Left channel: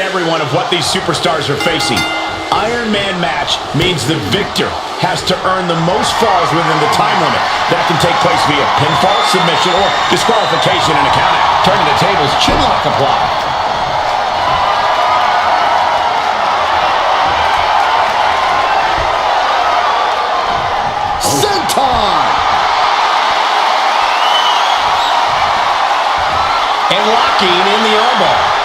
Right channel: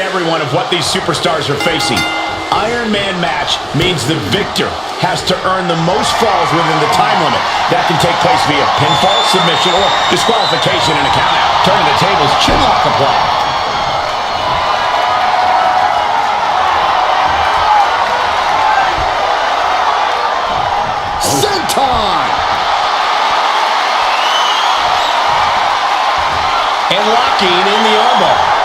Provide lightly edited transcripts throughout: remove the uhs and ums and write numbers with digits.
everyone of what these superstars are facing. Iron Man match means the victor has to earn the most falls within the time limit. That can take place via pinfall, submission, or disqualification and a countout. Turning the tables, chinlock apply. Senton! And locking in the armbar.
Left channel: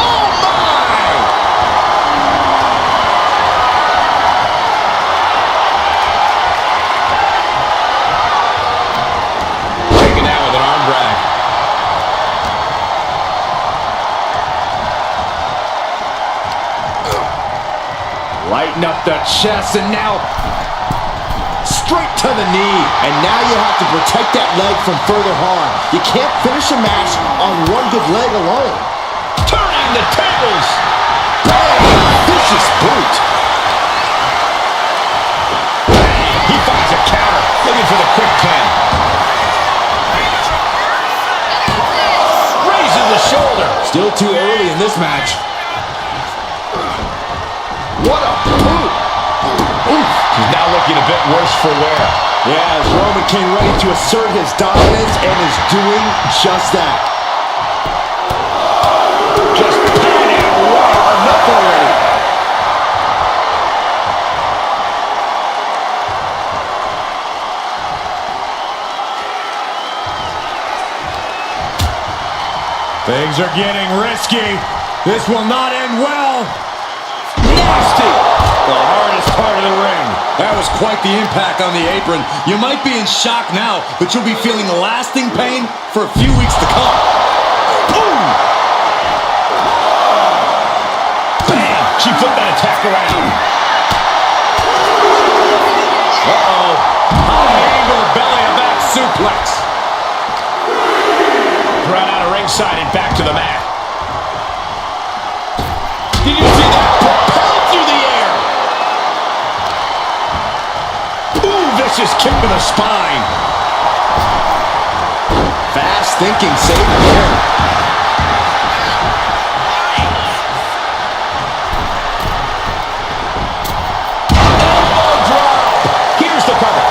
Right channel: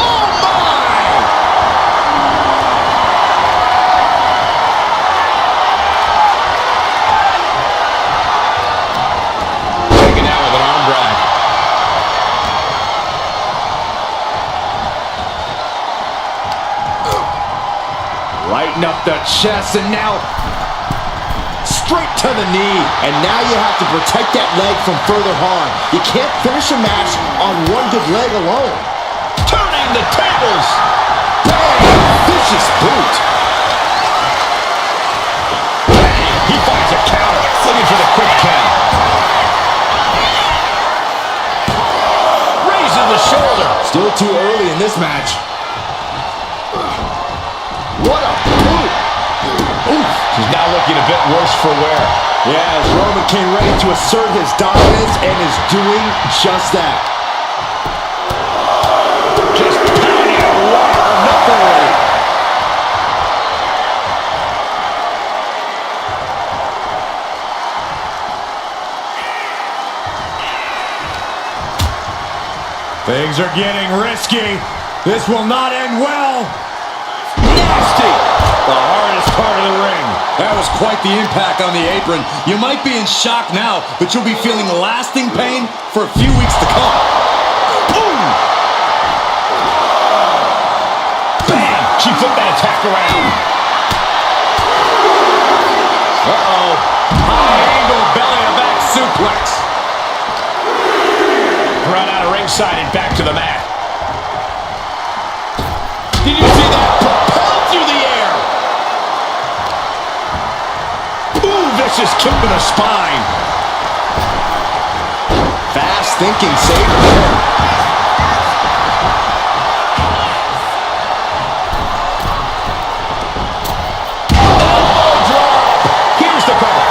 Oh my! Taken down with an arm drag. Lighten up the chest, and now straight to the knee. And now you have to protect that leg from further harm. You can't finish a match on one good leg alone. Turning the tables. Bang! Vicious boot. Bang! He finds a counter. Looking for the quick 10. Raises the shoulder. Still too early in this match. What a boot! Oof. He's now looking a bit worse for wear. Yeah, as Roman came ready to assert his dominance and is doing just that. Just pounding away. Enough already. Things are getting risky. This will not end well. Nasty. The hardest part of the ring. That was quite the impact on the apron. You might be in shock now, but you'll be feeling lasting pain for a few weeks to come. Boom! Bam! She flipped that attack around. Uh-oh. High angle belly-to-back suplex. Thrown out of ringside and back to the mat. Did you see that? Propelled through the air. Ooh, vicious kick to the spine. Fast thinking, save here. Elbow drop. Here's the cover.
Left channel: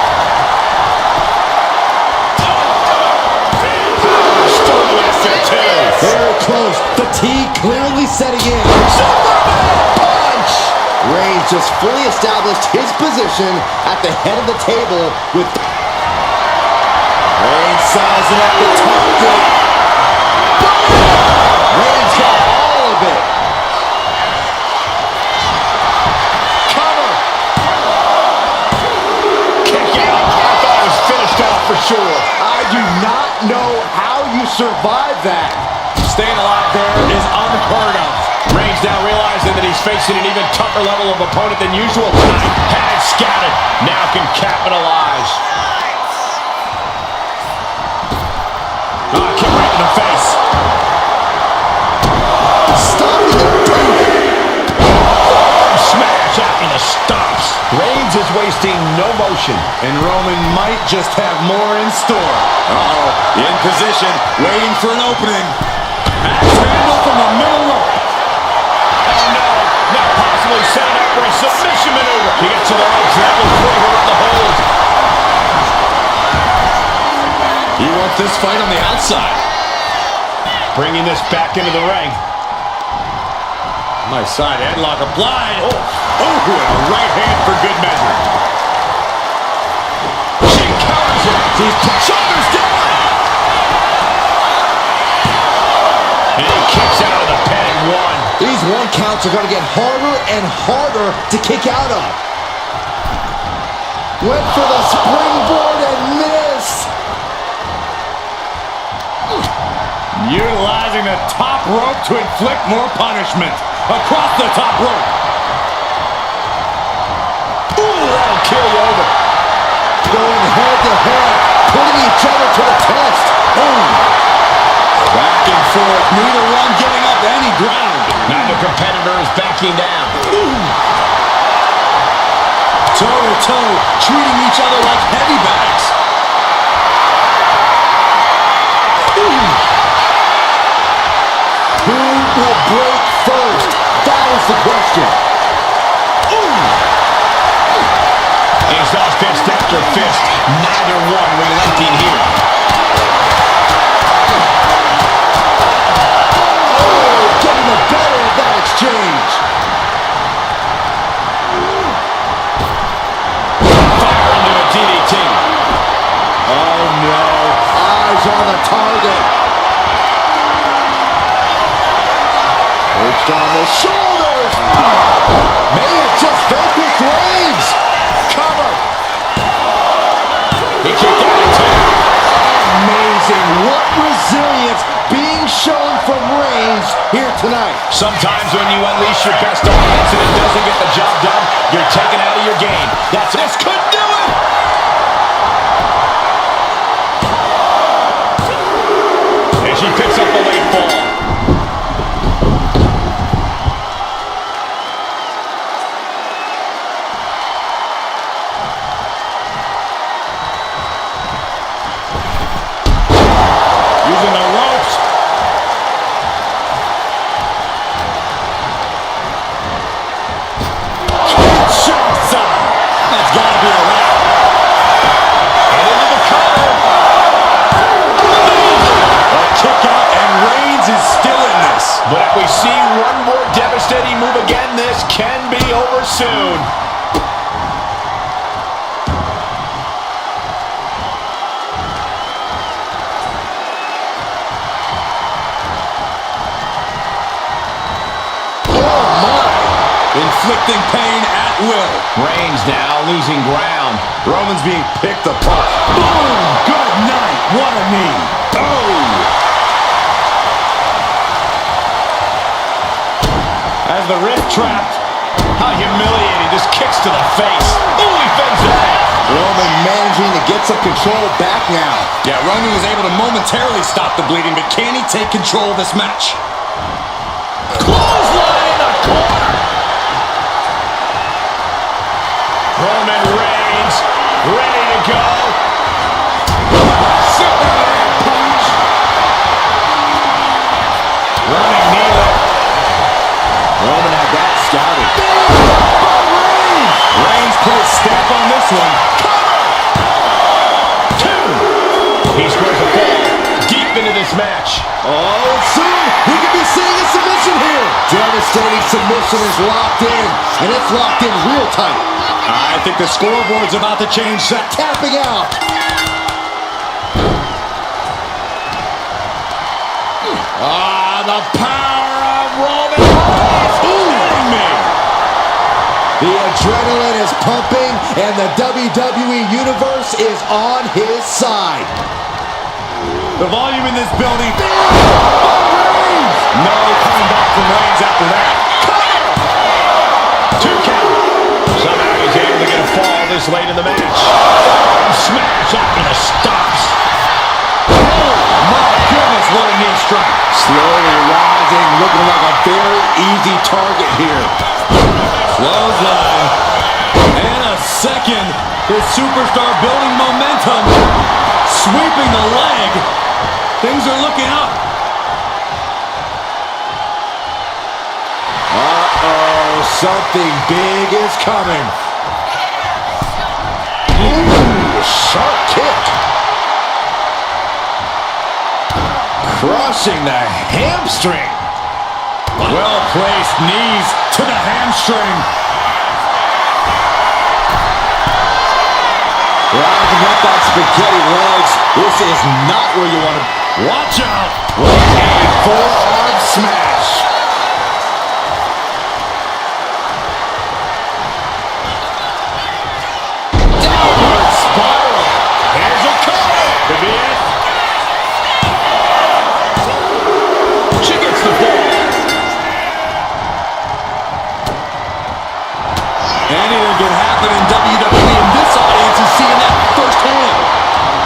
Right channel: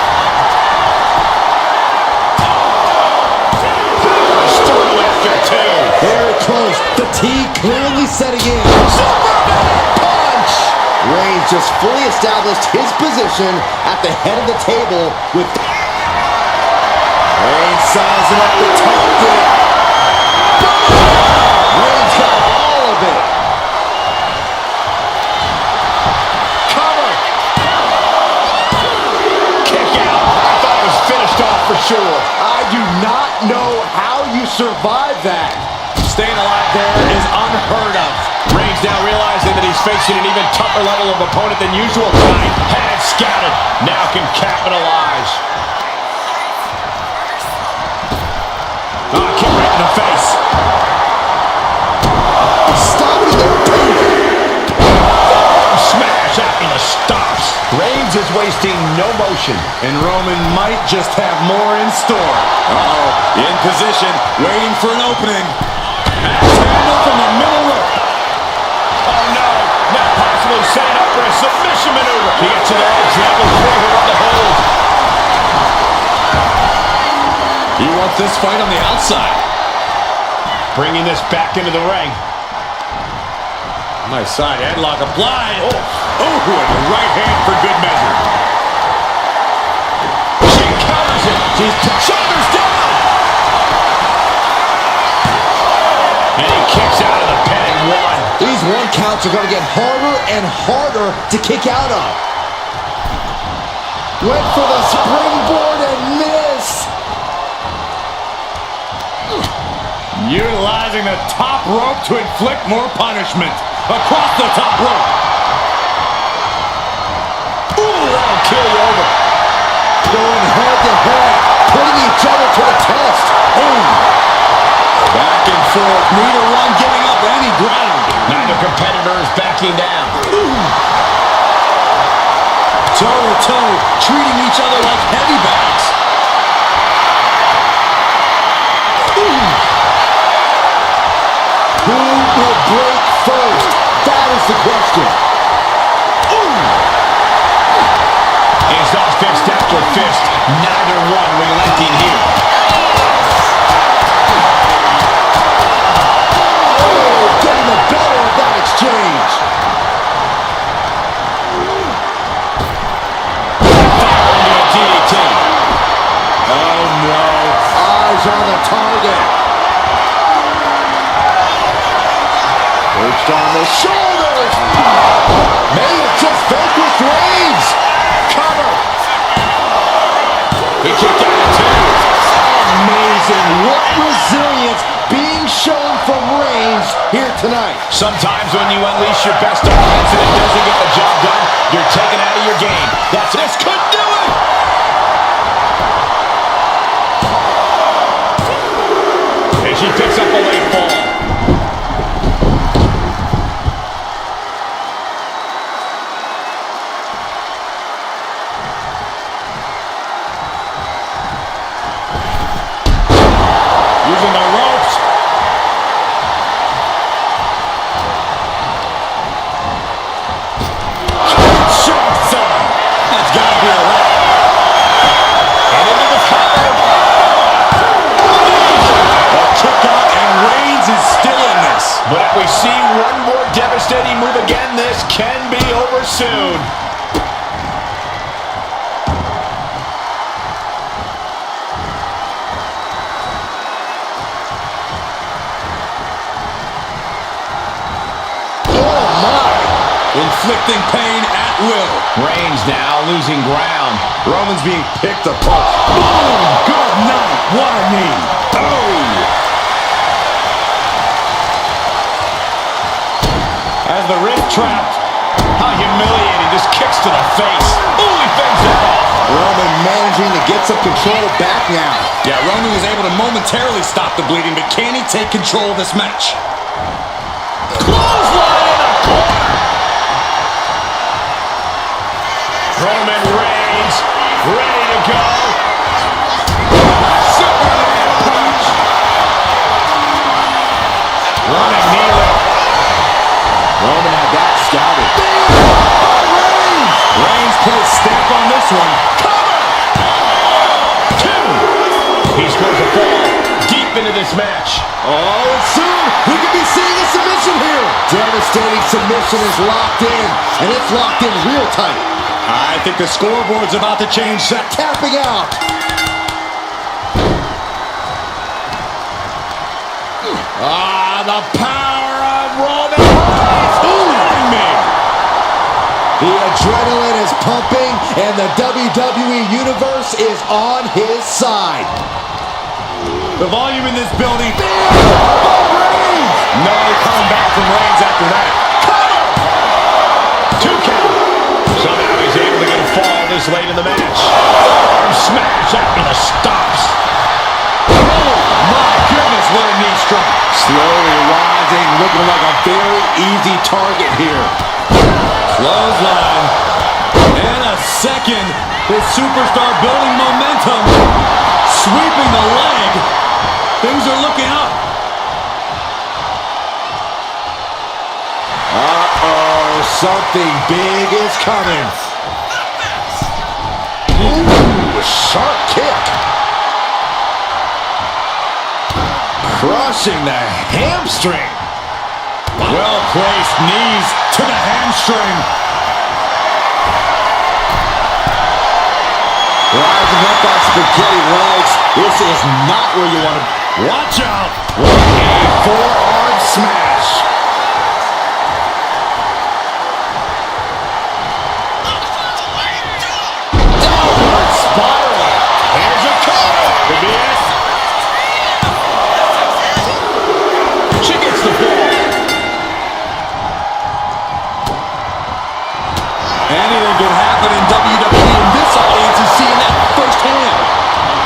Power storm after two. Very close. Fatigue clearly setting in. Superman punch. Reigns just fully established his position at the head of the table with Reigns sizing up the target. Reigns got all of it. Cover. Kick out. I thought it was finished off for sure. I do not know how you survived that. Staying alive there is unheard of. Reigns now realizing that he's facing an even tougher level of opponent than usual tonight. Had it scouted. Now can capitalize. Kick right in the face. Stopping their opponent. Forearm smash after the stops. Reigns is wasting no motion. And Roman might just have more in store. Uh-oh. In position, waiting for an opening. Axe handle from the middle rope. Oh no, now possibly setting up for a submission maneuver. He gets to the ropes, and that will free her of the hold. He wants this fight on the outside. Bringing this back into the ring. My side headlock applied. Oh, and a right hand for good measure. She counters it. She's shoulders down. And he kicks out of the pin and one. These one counts are going to get harder and harder to kick out of. Went for the springboard and missed. Utilizing the top rope to inflict more punishment. Across the top rope. Ooh, that'll kill you over. Going head to head, putting each other to the test. Boom. Back and forth, neither one giving up any ground. Neither competitor is backing down. Toe to toe, treating each other like heavy bags. question. Ooh! He's off fist after fist. Neither one relenting here. Oh, getting the better of that exchange. Fire into a DDT. Oh, no. Eyes on the target. Perched on the shoulders. May have just vanquished Reigns. Cover. He kicked out at two. Amazing. What resilience being shown from Reigns here tonight. Sometimes when you unleash your best offense and it doesn't get the job done, you're taken out of your game. This could do it. And she picks up a late fall. Using the ropes. Kinshasa. That's got to be a wrap. And into the cover. Amazing. A kick out and Reigns is still in this. But if we see one more devastating move again, this can be over soon. Inflicting pain at will. Reigns now losing ground. Roman's being picked apart. Boom! Good night. What a knee. Oh! As the wrist trapped. How humiliating. Just kicks to the face. Ooh, he fends that off. Roman managing to get some control back now. Yeah, Roman was able to momentarily stop the bleeding, but can he take control of this match? Clothesline in the corner. Roman Reigns, ready to go. Superman punch. Running knee lift. Roman had that scouted. Reigns! Reigns put his stamp on this one. Cover. Two. He scores a fall deep into this match. Oh, and soon we could be seeing a submission here. Devastating submission is locked in, and it's locked in real tight. I think the scoreboard's about to change. Tapping out. The power of Roman Reigns. Kidding me. The adrenaline is pumping, and the WWE Universe is on his side. The volume in this building. Reigns! No coming back from Reigns after that. Cover. Two count. Somehow he's able to get a fall this late in the match. Arm smash after the stops. Oh, my goodness, what a knee strike. Slowly rising, looking like a very easy target here. Clothesline. And a second. This superstar building momentum. Sweeping the leg. Things are looking up. Uh-oh, something big is coming. Ooh, sharp kick. Crushing the hamstring. Well-placed knees to the hamstring. Rising up like spaghetti legs. This is not where you want to... Watch out. A forearm smash. Downward spiral. Here's a cover. Could be it. She gets the ball. Anything can happen in WWE, and this audience is seeing that firsthand.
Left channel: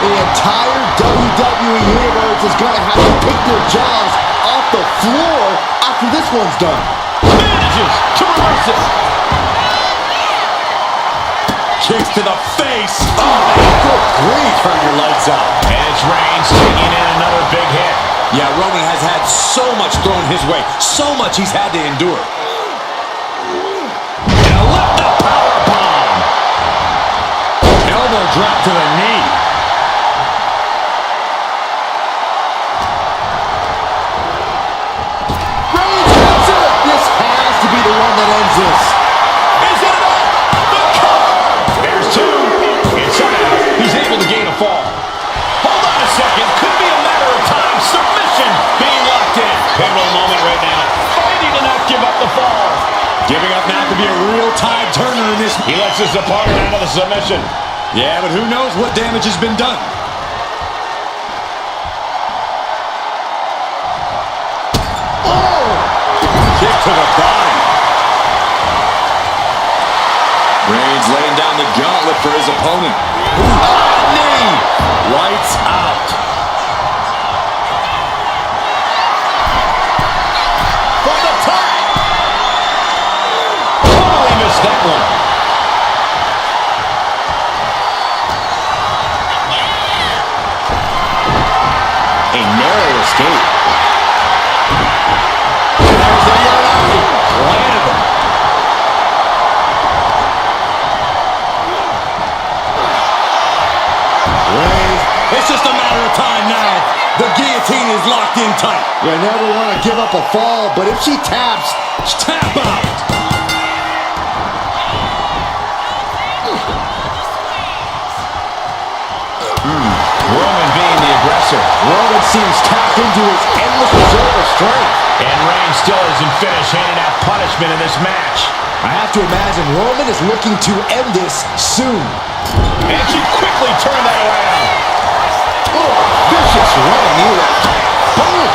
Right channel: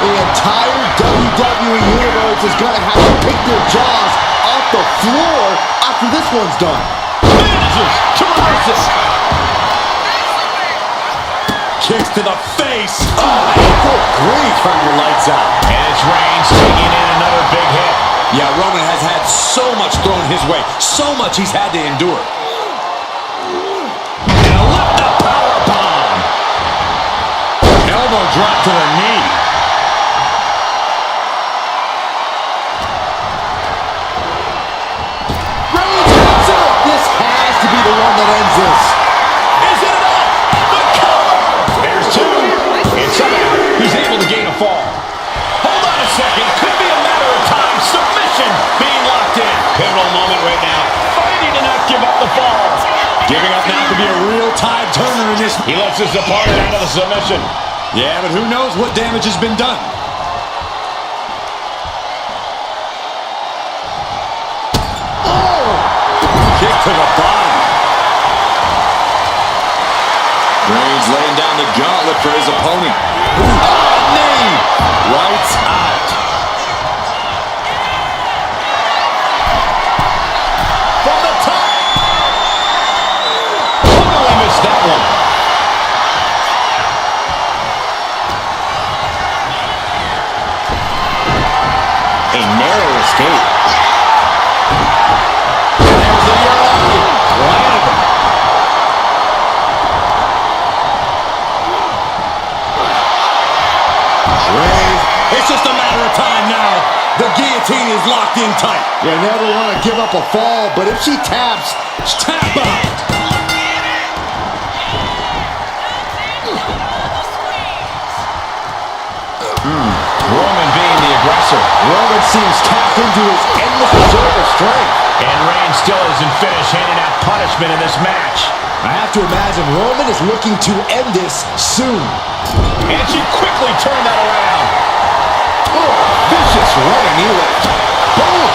The entire WWE Universe is going to have to pick their jaws off the floor after this one's done. Manages to reverse it. Kicks to the face. Oh, man. Good grief. Turn your lights out. And it's Reigns taking in another big hit. Yeah, Roman has had so much thrown his way, so much he's had to endure. drop to the knee. Reigns hits it! This has to be the one that ends this. Is it enough? The cover! There's two. And somehow, he's able to gain a fall. Hold on a second. Could be a matter of time. Submission being locked in. Pivotal moment right now. Fighting to not give up the fall. Giving up now could be a real tide turner in this. He lets his opponent out of the submission. Yeah, but who knows what damage has been done. Oh! Kick to the body. Reigns laying down the gauntlet for his opponent. Knee! Lights out. From the top. Totally missed that one. A narrow escape. And there's the Uri. Planted him. Reigns. It's just a matter of time now. The guillotine is locked in tight. You never want to give up a fall, but if she taps, Tap out. Roman being the aggressor. Roman seems tapped into his endless reserve of strength. And Reigns still isn't finished handing out punishment in this match. I have to imagine Roman is looking to end this soon. And she quickly turned that around. Oh, vicious running knee lift. Boom!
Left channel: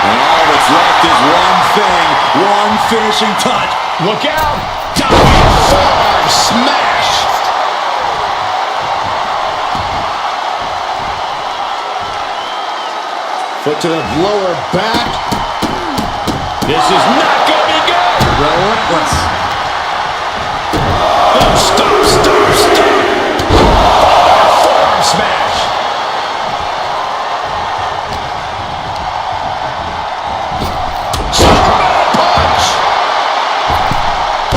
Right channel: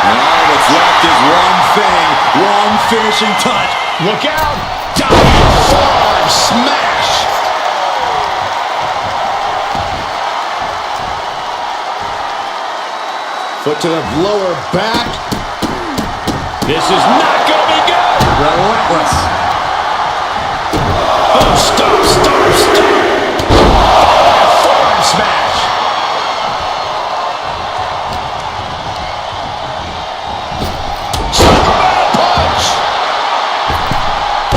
And all that's left is one thing, one finishing touch. Look out! Diving forearm smash! Foot to the lower back. This is not gonna be good! Relentless. Oh, stop, stop, stop! Followed by a forearm smash! Superman punch!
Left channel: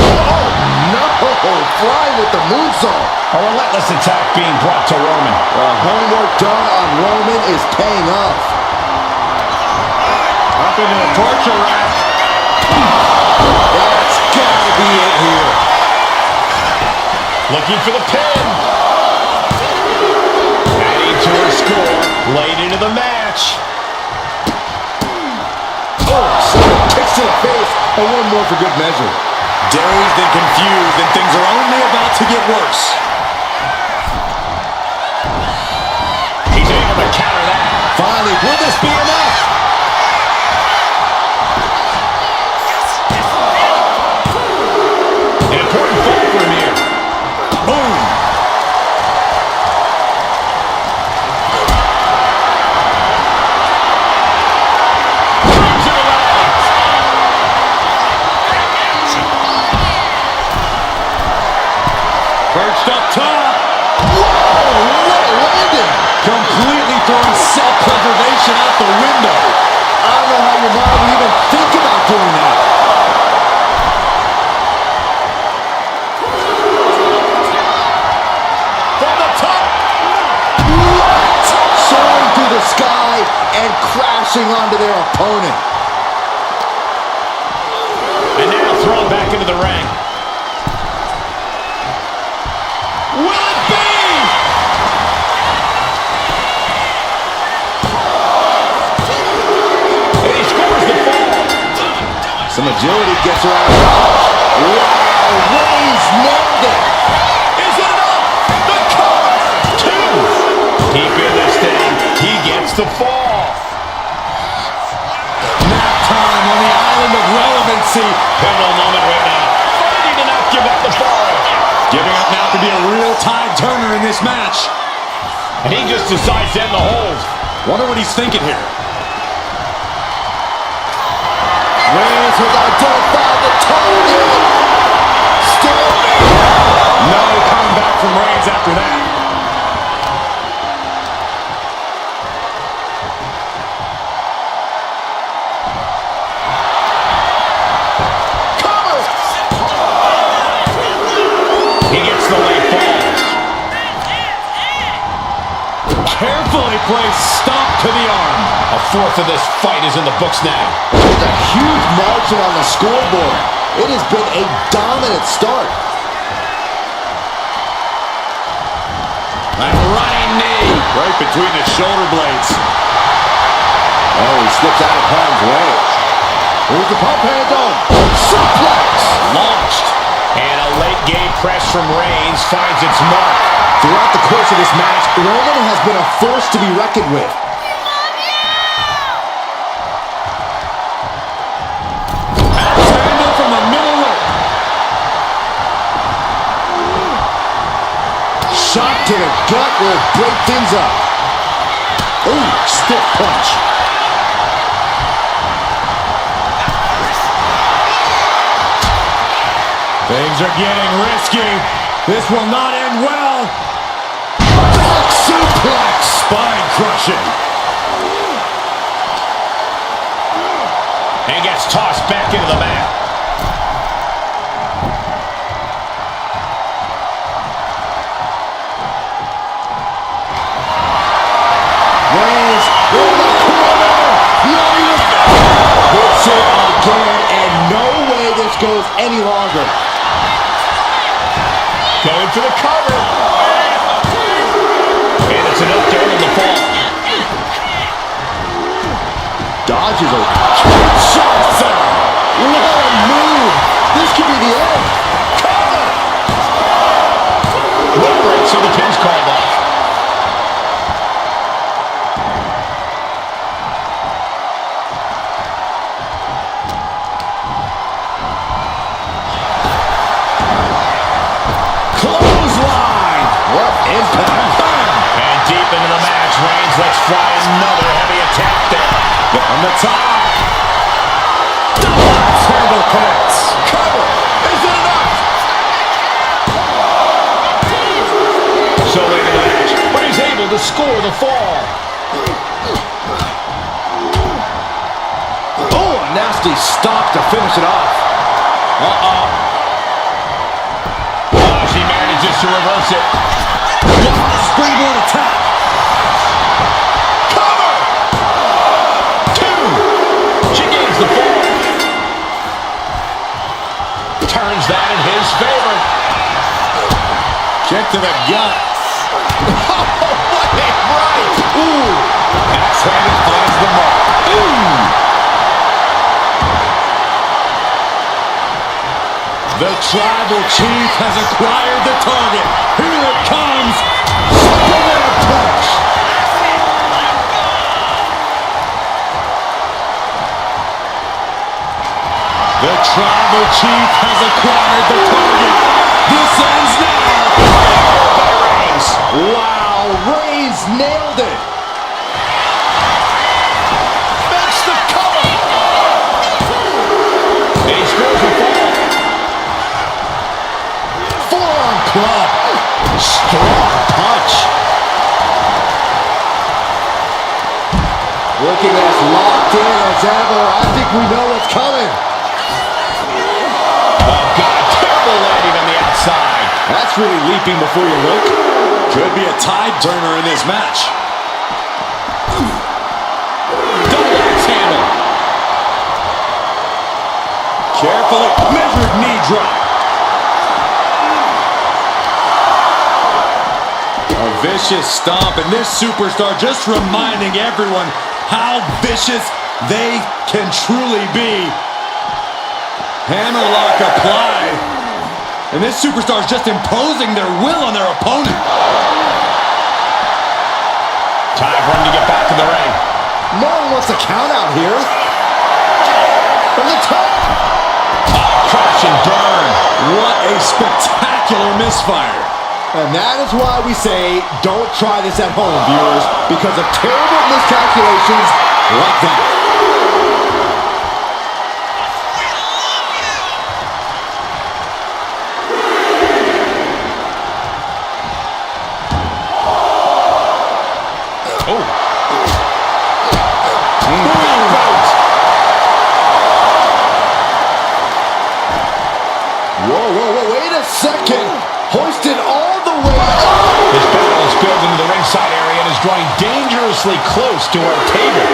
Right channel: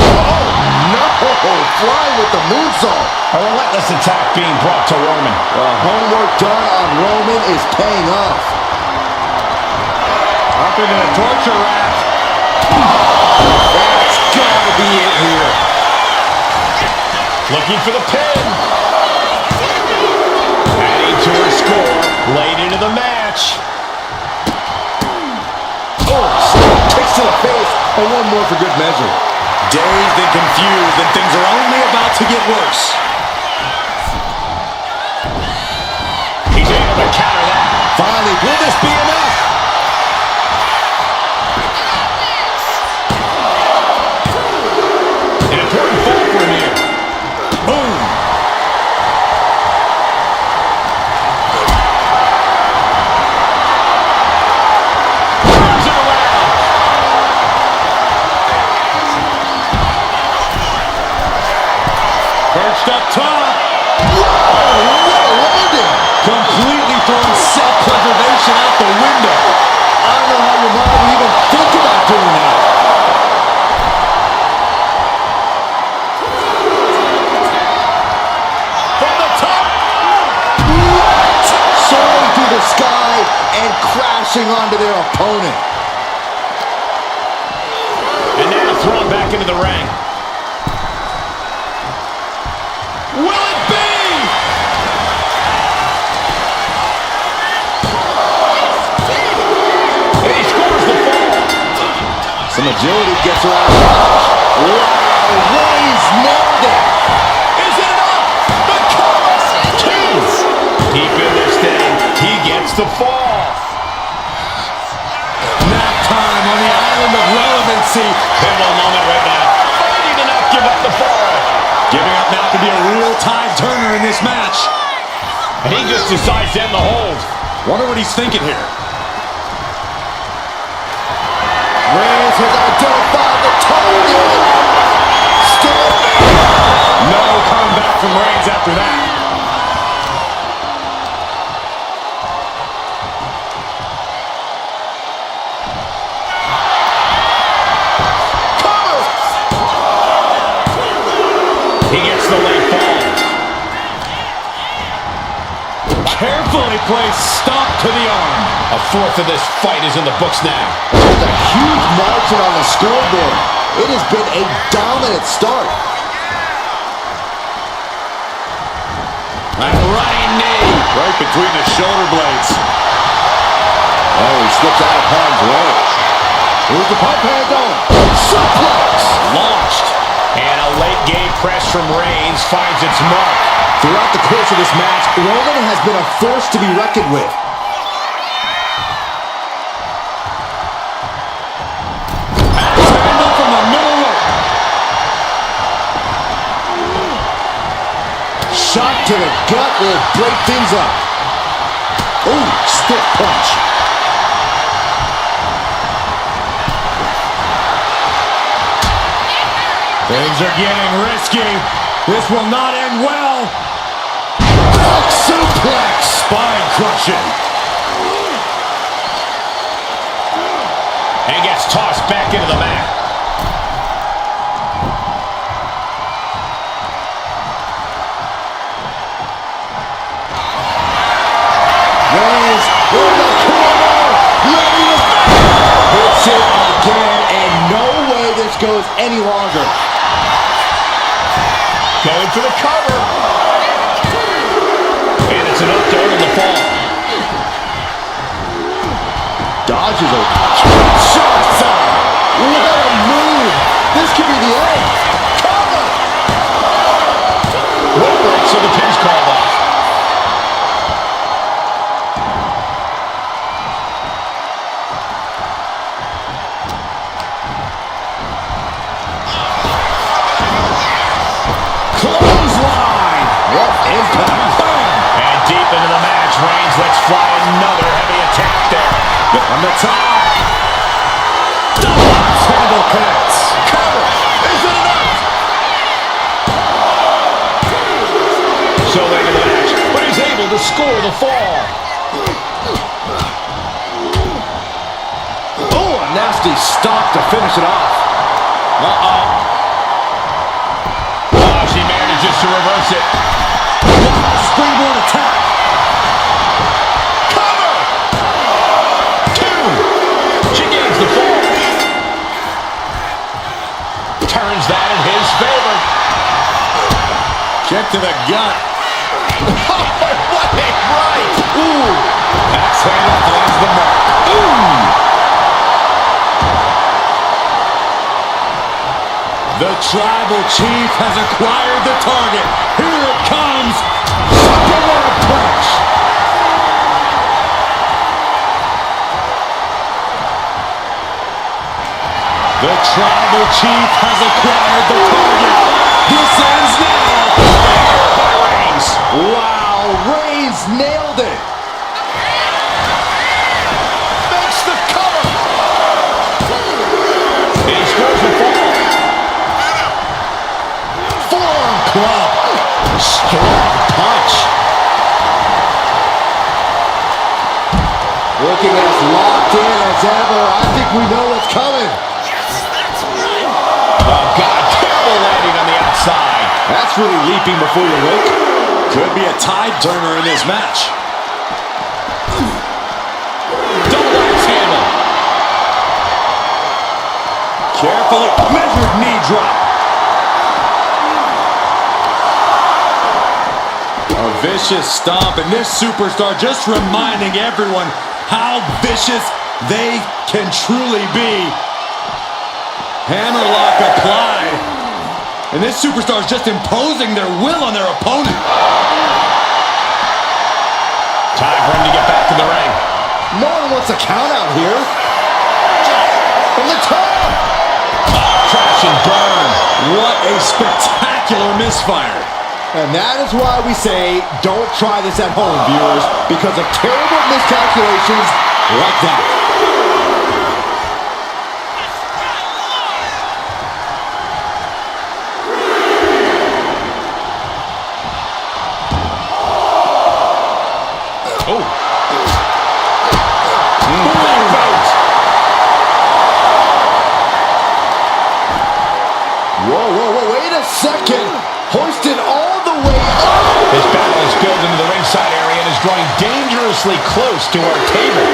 Oh, no! Flying with the moonsault. A relentless attack being brought to Roman. The homework done on Roman is paying off. Up into the torture rack. That's gotta be it here. Looking for the pin. Adding to her score. Late into the match. Oh, several kicks to the face, and one more for good measure. Dazed and confused, and things are only about to get worse. He's able to counter that. Finally, will this be enough? An important fall for him here. Boom. Turns it around. Perched up top. Whoa, what a landing! Completely throwing self-preservation out the window. I don't know how your mind would even think about doing that. From the top. What? Soaring through the sky and crashing onto their opponent. And now thrown back into the ring. Will it be? And he scores the fall. Some agility gets her out of dodge. Wow, Reigns nailed it. Is it enough? The cover. Two. Deep in this thing. He gets the fall. Nap time on the island of relevancy. Pivotal moment right now. Fighting to not give up the fall. Giving up now could be a real tide turner in this match. And he just decides to end the hold. Wonder what he's thinking here. Reigns has identified the target. Still No comeback from Reigns after that. He gets the late fall. Carefully placed stomp to the arm. A fourth of this fight is in the books now. There's a huge margin on the scoreboard. It has been a dominant start. That running knee right between the shoulder blades. Oh, he slips out of harm's way. Here's the pump handle. Suplex. Launched. And a late game press from Reigns finds its mark. Throughout the course of this match, Roman has been a force to be reckoned with. Axe handle from the middle rope. Shot to the gut will break things up. Ooh, stiff punch. Things are getting risky. This will not end well. Back suplex. Spine crushing. And gets tossed back into the mat. Reigns in the corner. Ready to hits it again, and no way this goes any longer. Going for the cover. And it's enough to earn the fall. Dodges a Kinshasa. What a move. This could be the end. Cover. Rope break, so the pin's called off. Clothesline. What impact. Bam. And deep into the match, Reigns lets fly another heavy attack there. On the top. Double axe handle connects. Cover. Is it enough? So late in the match, but he's able to score the fall. Oh, a nasty stop to finish it off. Uh-oh. Oh, she manages to reverse it. Wow, springboard attack. Cover! Two! She gains the fall. Turns that in his favor. Kick to the gut. Oh, what a right! Ooh. Axe handle finds the mark. Ooh. The tribal chief has acquired the target. Here it comes. Superman punch. The tribal chief has acquired the target. This ends now. By Reigns. Wow, Reigns nailed it. Makes the cover. And he scores the fall. Forearm club. Strong punch. Looking as locked in as ever. I think we know what's coming. Oh, God. Terrible landing on the outside. That's really leaping before you look. Could be a tide turner in this match. Double axe handle. Carefully measured knee drop. A vicious stomp, and this superstar just reminding everyone how vicious they can truly be. Hammerlock applied. And this superstar is just imposing their will on their opponent. Time for him to get back in the ring. No one wants a count out here. From the top. Crash and burn. What a spectacular misfire. And that is why we say don't try this at home, viewers, because of terrible miscalculations like that. Oh. Backbones. Whoa, wait a second. Hoisted all the way up. This battle is spilled into the ringside area and is drawing dangerously close to our table.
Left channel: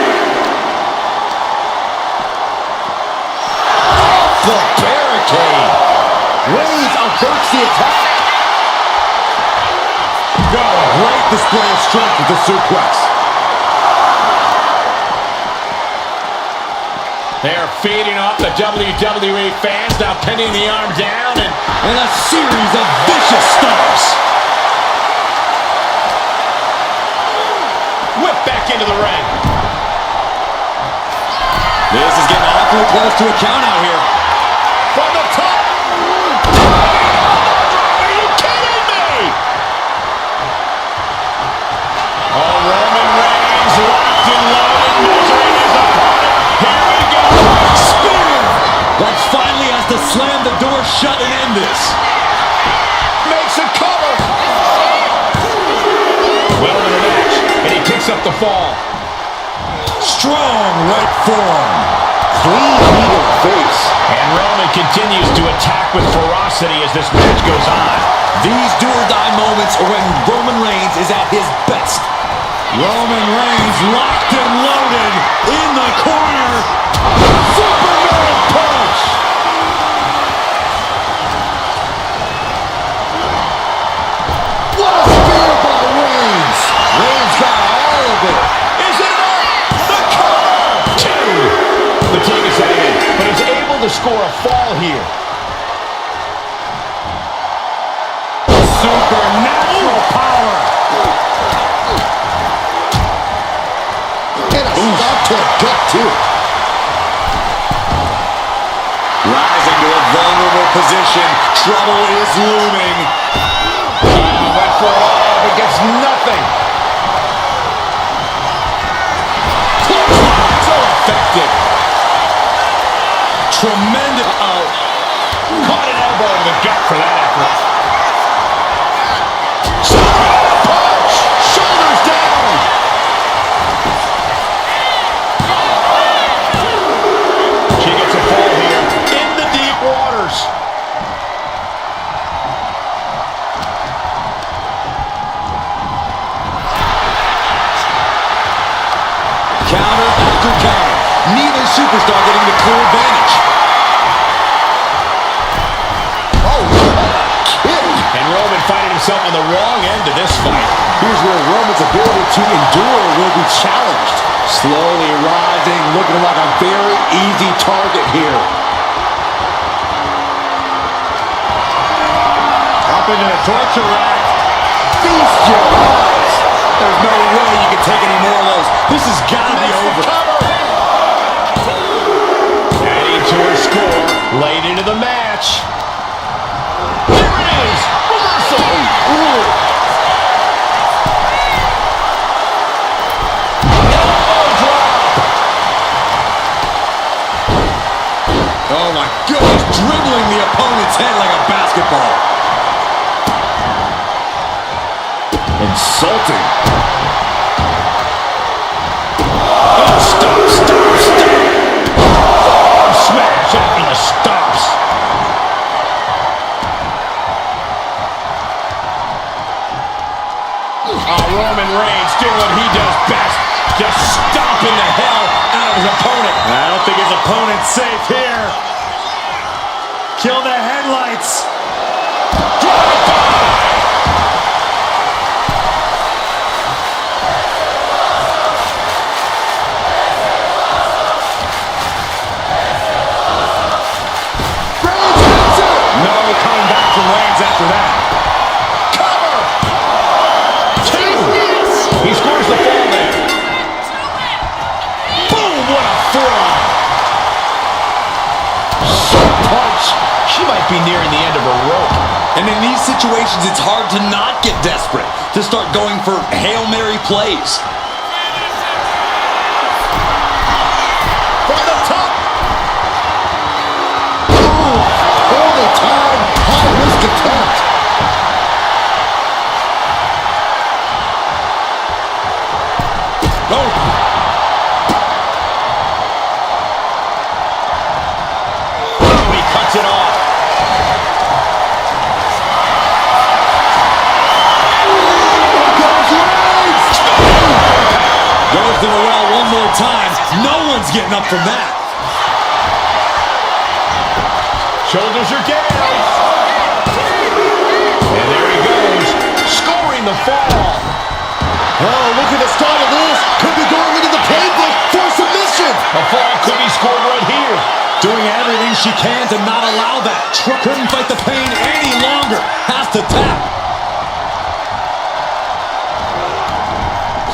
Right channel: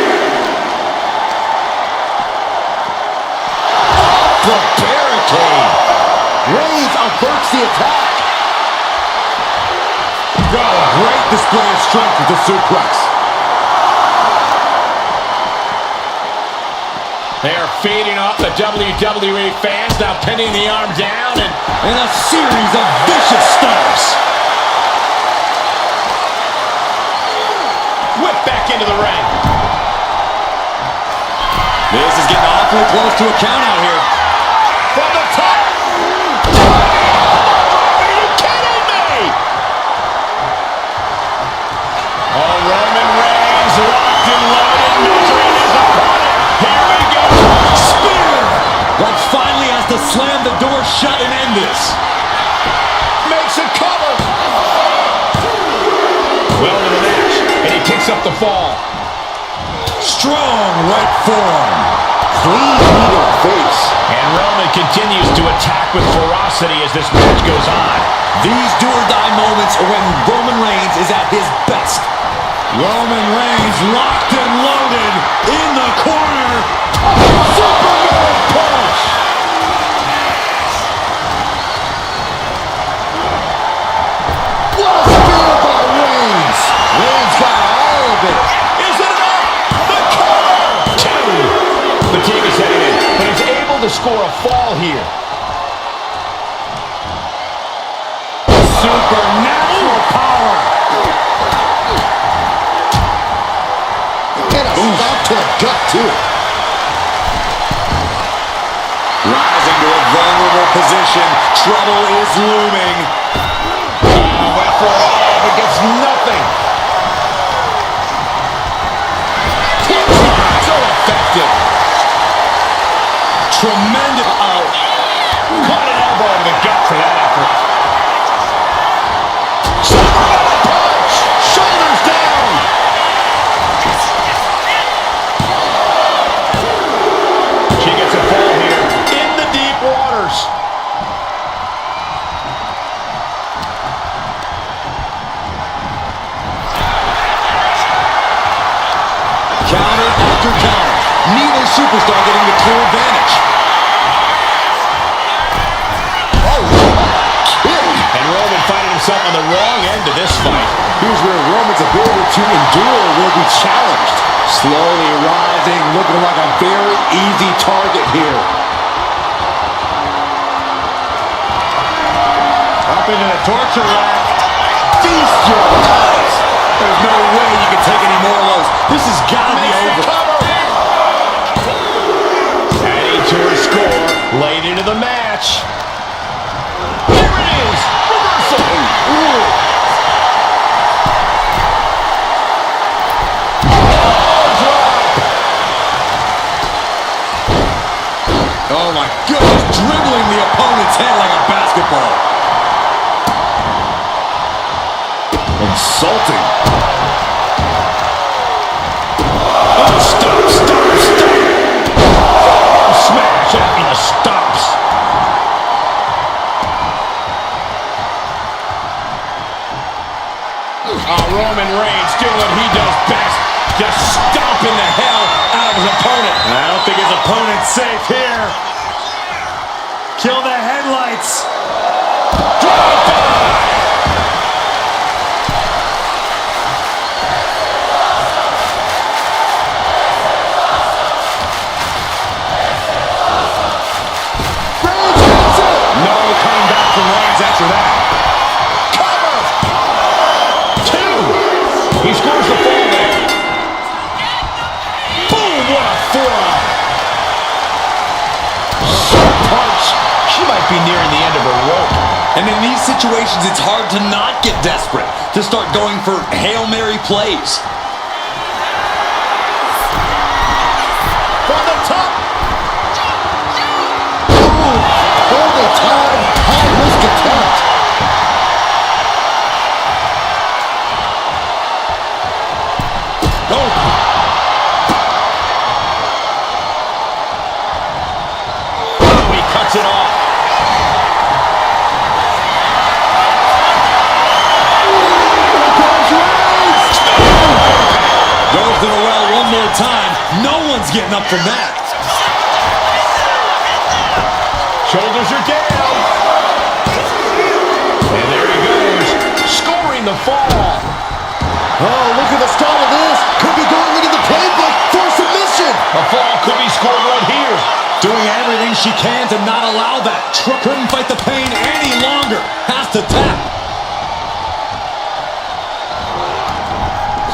Off the barricade. Reigns averts the attack. Oh, a great display of strength with the suplex. They are feeding off the WWE fans, now pinning the arm down and a series of vicious stomps. Whip back into the ring. This is getting awfully close to a count out here. From the top. Are you kidding me? Oh, Roman Reigns locked and loaded, measuring his opponent. Here we go. Spear! That finally has to slam the door shut and end this. Makes a cover. Well into the match, and he picks up the fall. Strong right forearm. Clean knee to the face. And Roman continues to attack with ferocity as this match goes on. These do-or-die moments are when Roman Reigns is at his best. Roman Reigns locked and loaded in the corner. Superman punch. What a spear by Reigns. Reigns got all of it. Is it enough? The cover! Two. Fatigue is setting in, but he's able to score a fall here. Supernatural power. And a stop to the gut, too. Rising to a vulnerable position. Trouble is looming. Went for it all, but gets nothing. So effective. Tremendous. Caught an elbow to the gut for that effort. Superman punch! Shoulders down! She gets a fall here in the deep waters. Counter after counter. Neither superstar getting the clear advantage. Oh, what a kick. And Roman finding himself on the wrong end of this fight. Here's where Roman's ability to endure will be challenged. Slowly rising, looking like a very easy target here. Up into the torture rack. Feast your eyes. There's no way you can take any more of those. This has got to be over. Adding to her score, late into the match. Here it is, reversal. Ooh. Elbow drop. Oh my goodness, dribbling the opponent's head like a basketball. Insulting. Oh, stop. Forearm smash after the stops. Roman Reigns doing what he does best. Just stomping the hell out of his opponent. I don't think his opponent's safe here. Kill the headlights. Drive-by. No coming back from Reigns after that. Cover! Two! He scores the fall there. Boom! What a forearm! Short punch. She might be nearing the end of her rope. And in these situations, it's hard to not get desperate, to start going for Hail Mary plays. From the top. Holy time, high-risk attempt. Oh. Oh, he cuts it off. to the well one more time. No one's getting up from that. Shoulders are down. And there he goes, scoring the fall. Oh, look at the start of this. Could be going into the playbook for submission. A fall could be scored right here. Doing everything she can to not allow that. Couldn't fight the pain any longer. Has to tap.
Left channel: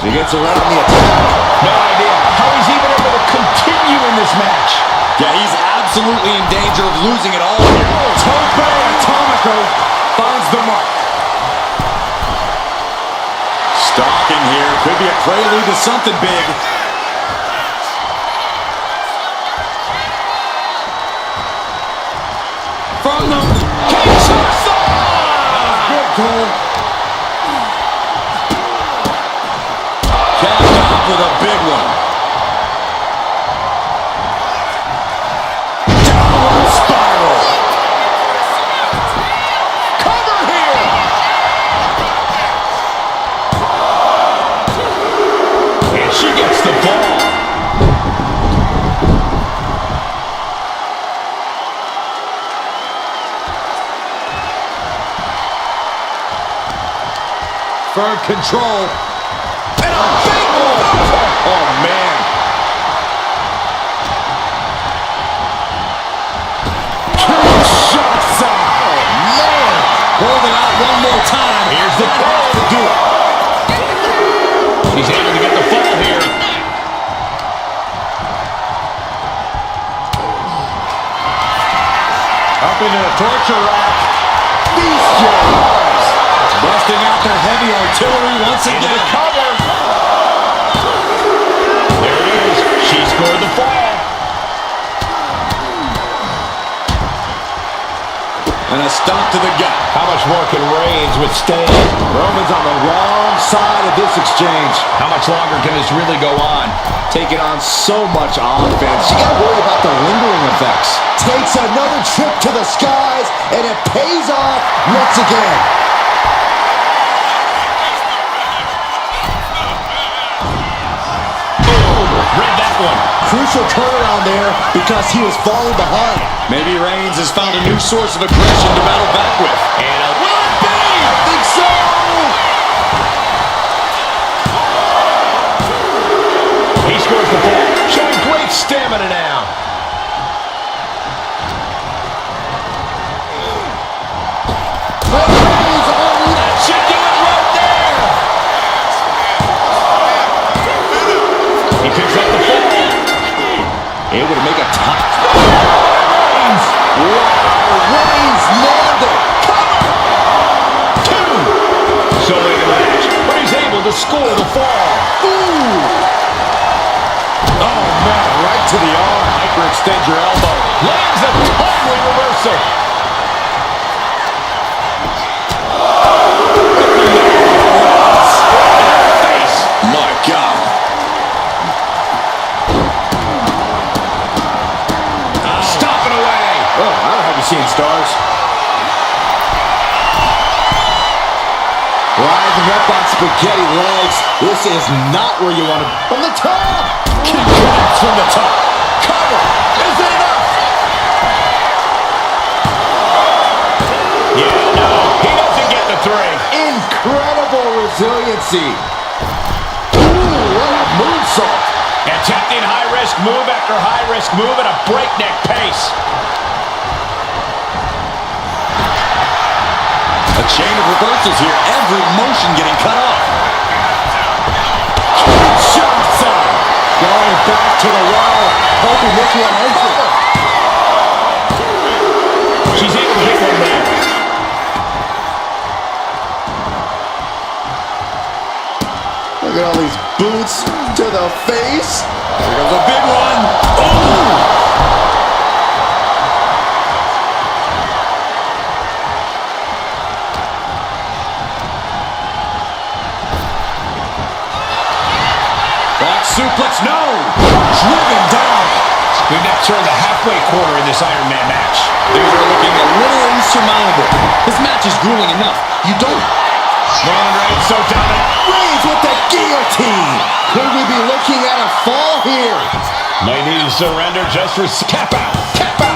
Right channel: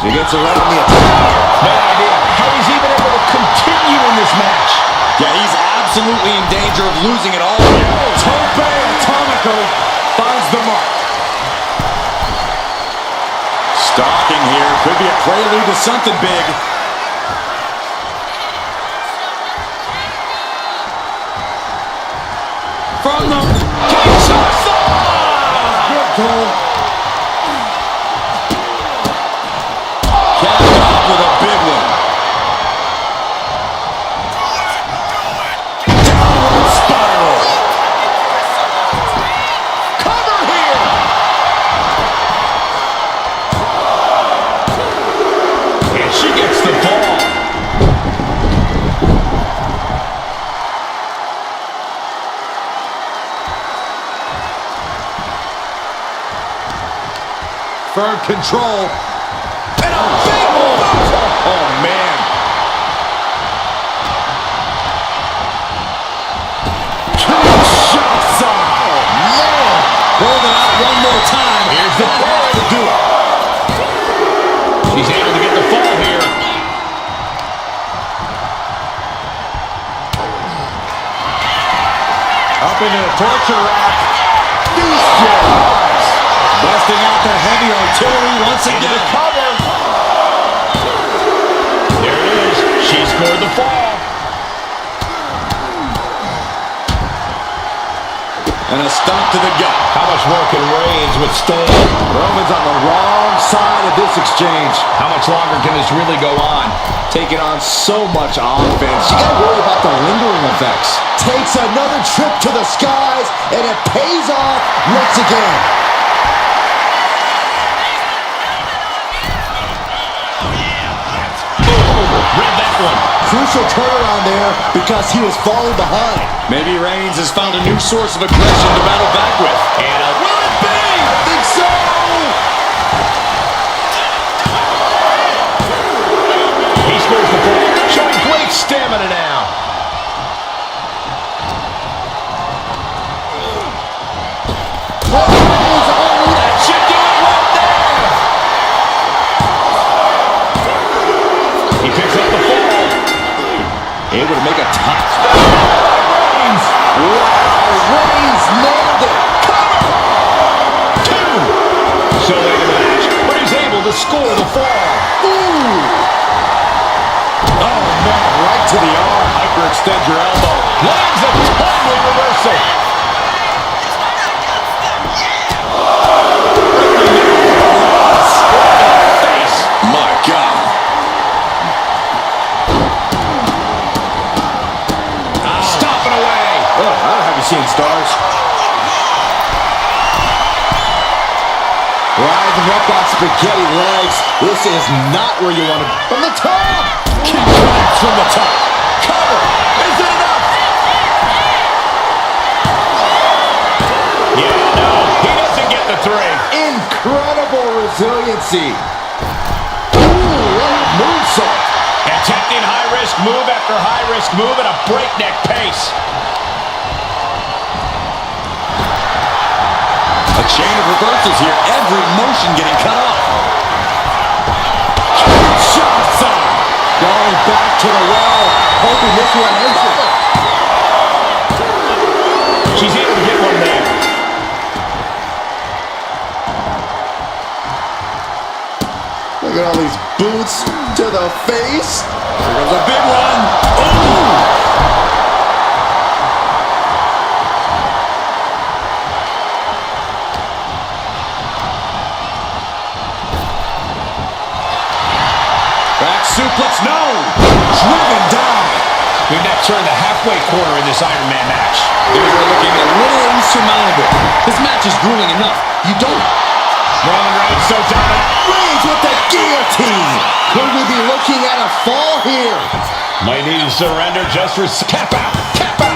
She gets around the attack. No idea how he's even able to continue in this match. Yeah, he's absolutely in danger of losing it all here. Tope Atomico finds the mark. Stalking here. Could be a prelude to something big. From the Kinshasa! Good goal. Capped off with a big one. Downward spiral. Cover here. And she gets the ball. Firm control. And a big boot. Oh, man. Kinshasa! Oh, man! Hold it out one more time. Here's the That has to do it. She's able to get the fall here. Up into the torture rack. Bestialized. Busting out the heavy artillery once Into again. the cover. There it is. She scored the fall. And a stomp to the gut. How much more can Reigns withstand? Roman's on the wrong side of this exchange. How much longer can this really go on? Taking on so much offense. You gotta worry about the lingering effects. Takes another trip to the skies, and it pays off once again. Boom! Read that one. Crucial turnaround there because he was falling behind. Maybe Reigns has found a new source of aggression to battle back with. And a Will it be? I think so. he scores the ball, showing great stamina now. Reigns on That should do it right there. He picks up the fall. able to make a top. Reigns. Wow, Reigns nailed it. Cover. Two. So late in the match, but he's able to score the fall. Ooh. Oh, man, right to the arm. Hyperextend your elbow. Lands a timely reversal. Right in the middle. Right to the face. My God. Stomping away. Oh, I don't have you seeing stars. Rising up on spaghetti legs. This is not where you want to be. From the top. Kick connects from the top. Cover. Is it enough? Yeah, no. He doesn't get the three. Incredible resiliency. Ooh, what a moonsault. Attempting high-risk move after high-risk move at a breakneck pace. A chain of reversals here. Every motion getting cut off. Kinshasa. Going back to the well, hoping this one ends it. She's able to get one there. Look at all these boots to the face. Here comes a big one. Oh! Back suplex, no! Driven down. We've now turned the halfway corner in this Iron Man match. Things are looking a little insurmountable. This match is grueling enough. You don't... Roman Reigns so dominant. Reigns with the guillotine. Could we be looking at a fall here? Might need to surrender just for... Tap out! Tap out!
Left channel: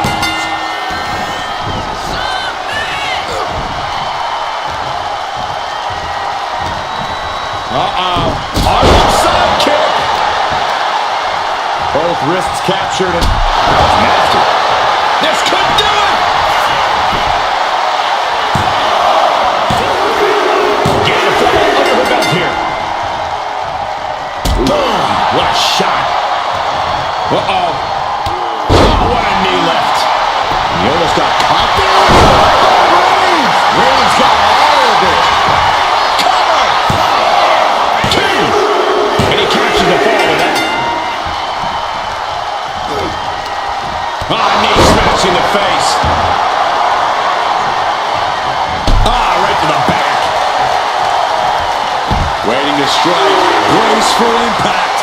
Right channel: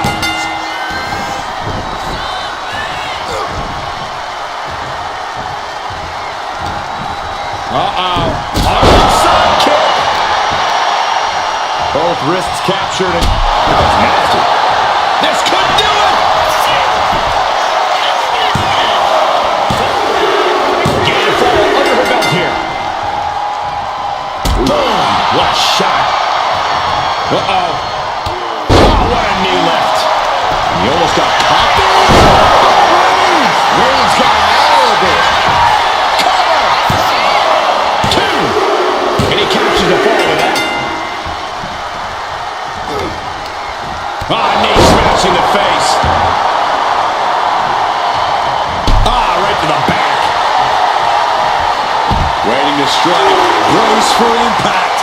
Harlem sidekick! Both wrists captured and... That was nasty. This could do it! Getting a fall under her belt here. Boom! What a shot! Uh-oh. Oh, what a knee lift. He almost got popped there. Reigns! Reigns got all of it. Cover! Two! And he captures the fall with that. Knee smashing the face. Right to the back. Waiting to strike. Brace for impact.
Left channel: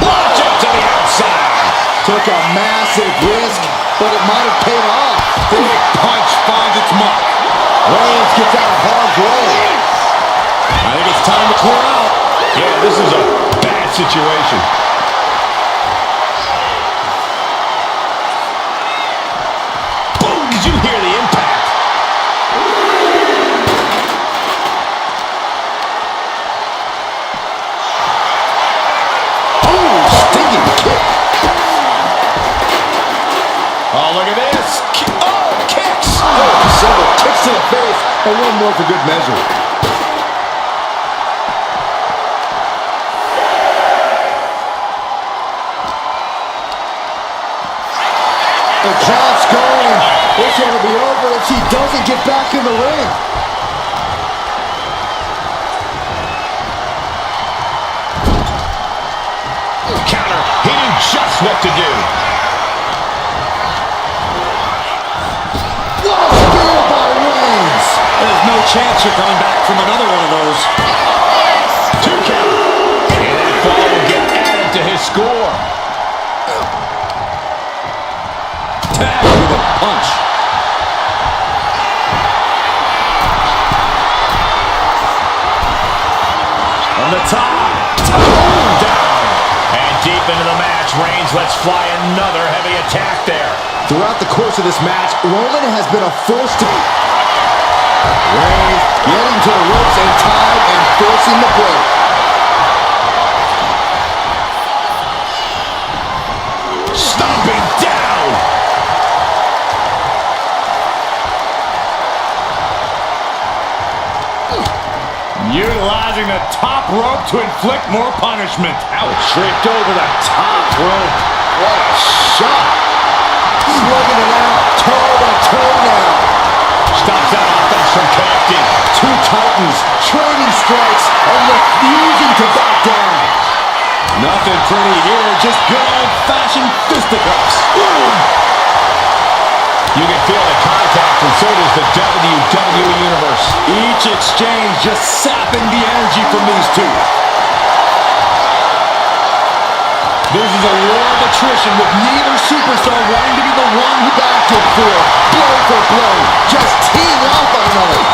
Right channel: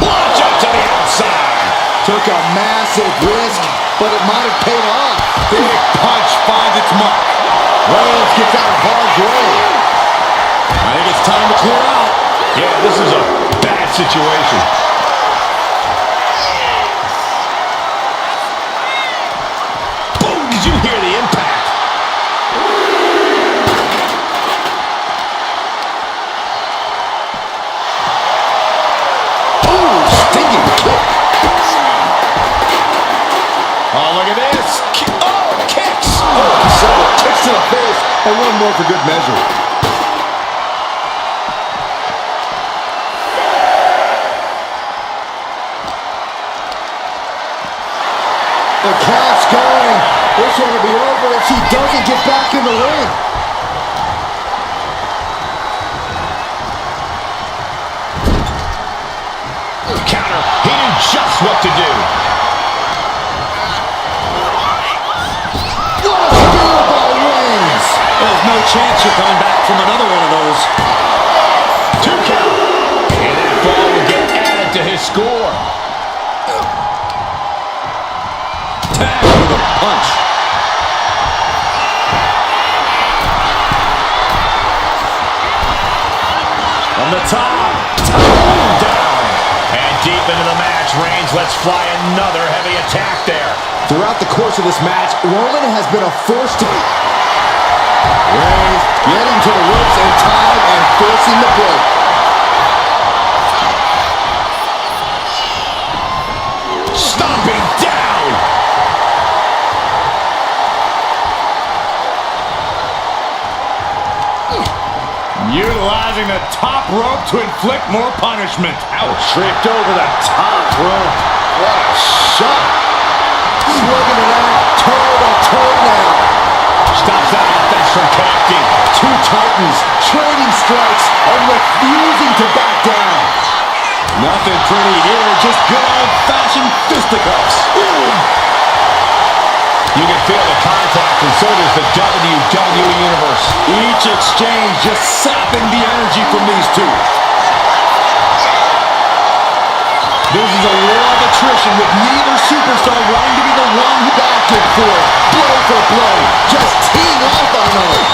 Launch up to the outside. Took a massive risk, but it might have paid off. Big punch finds its mark. Reigns gets out of harm's way. I think it's time to clear out. Yeah, this is a bad situation. Boom! Did you hear the impact? Ooh, stinging kick. Oh, look at this. Kicks. Oh, several kicks to the face, and one more for good measure. The count's going. This one will be over if she doesn't get back in the ring. Counter. He knew just what to do. What a spear by Reigns. There's no chance you're coming back from another one of those. 2 count. And that fall will get added to his score. Tag with a punch. From the top. Down. And deep into the match, Reigns lets fly another heavy attack there. Throughout the course of this match, Roman has been a force to be. Reigns getting to the ropes in time and forcing the break. Stomping down. Utilizing the top rope to inflict more punishment. Ouch. Tripped over the top rope. What a shot. Slugging it out, toe to toe now. Stops that offense from connecting. Two titans trading strikes and refusing to back down. Nothing pretty here, just good old-fashioned fisticuffs. You can feel the contact, and so does the WWE Universe. Each exchange just sapping the energy from these two. This is a war of attrition with neither superstar wanting to be the one who back and forth, blow for blow, just teeing off on another.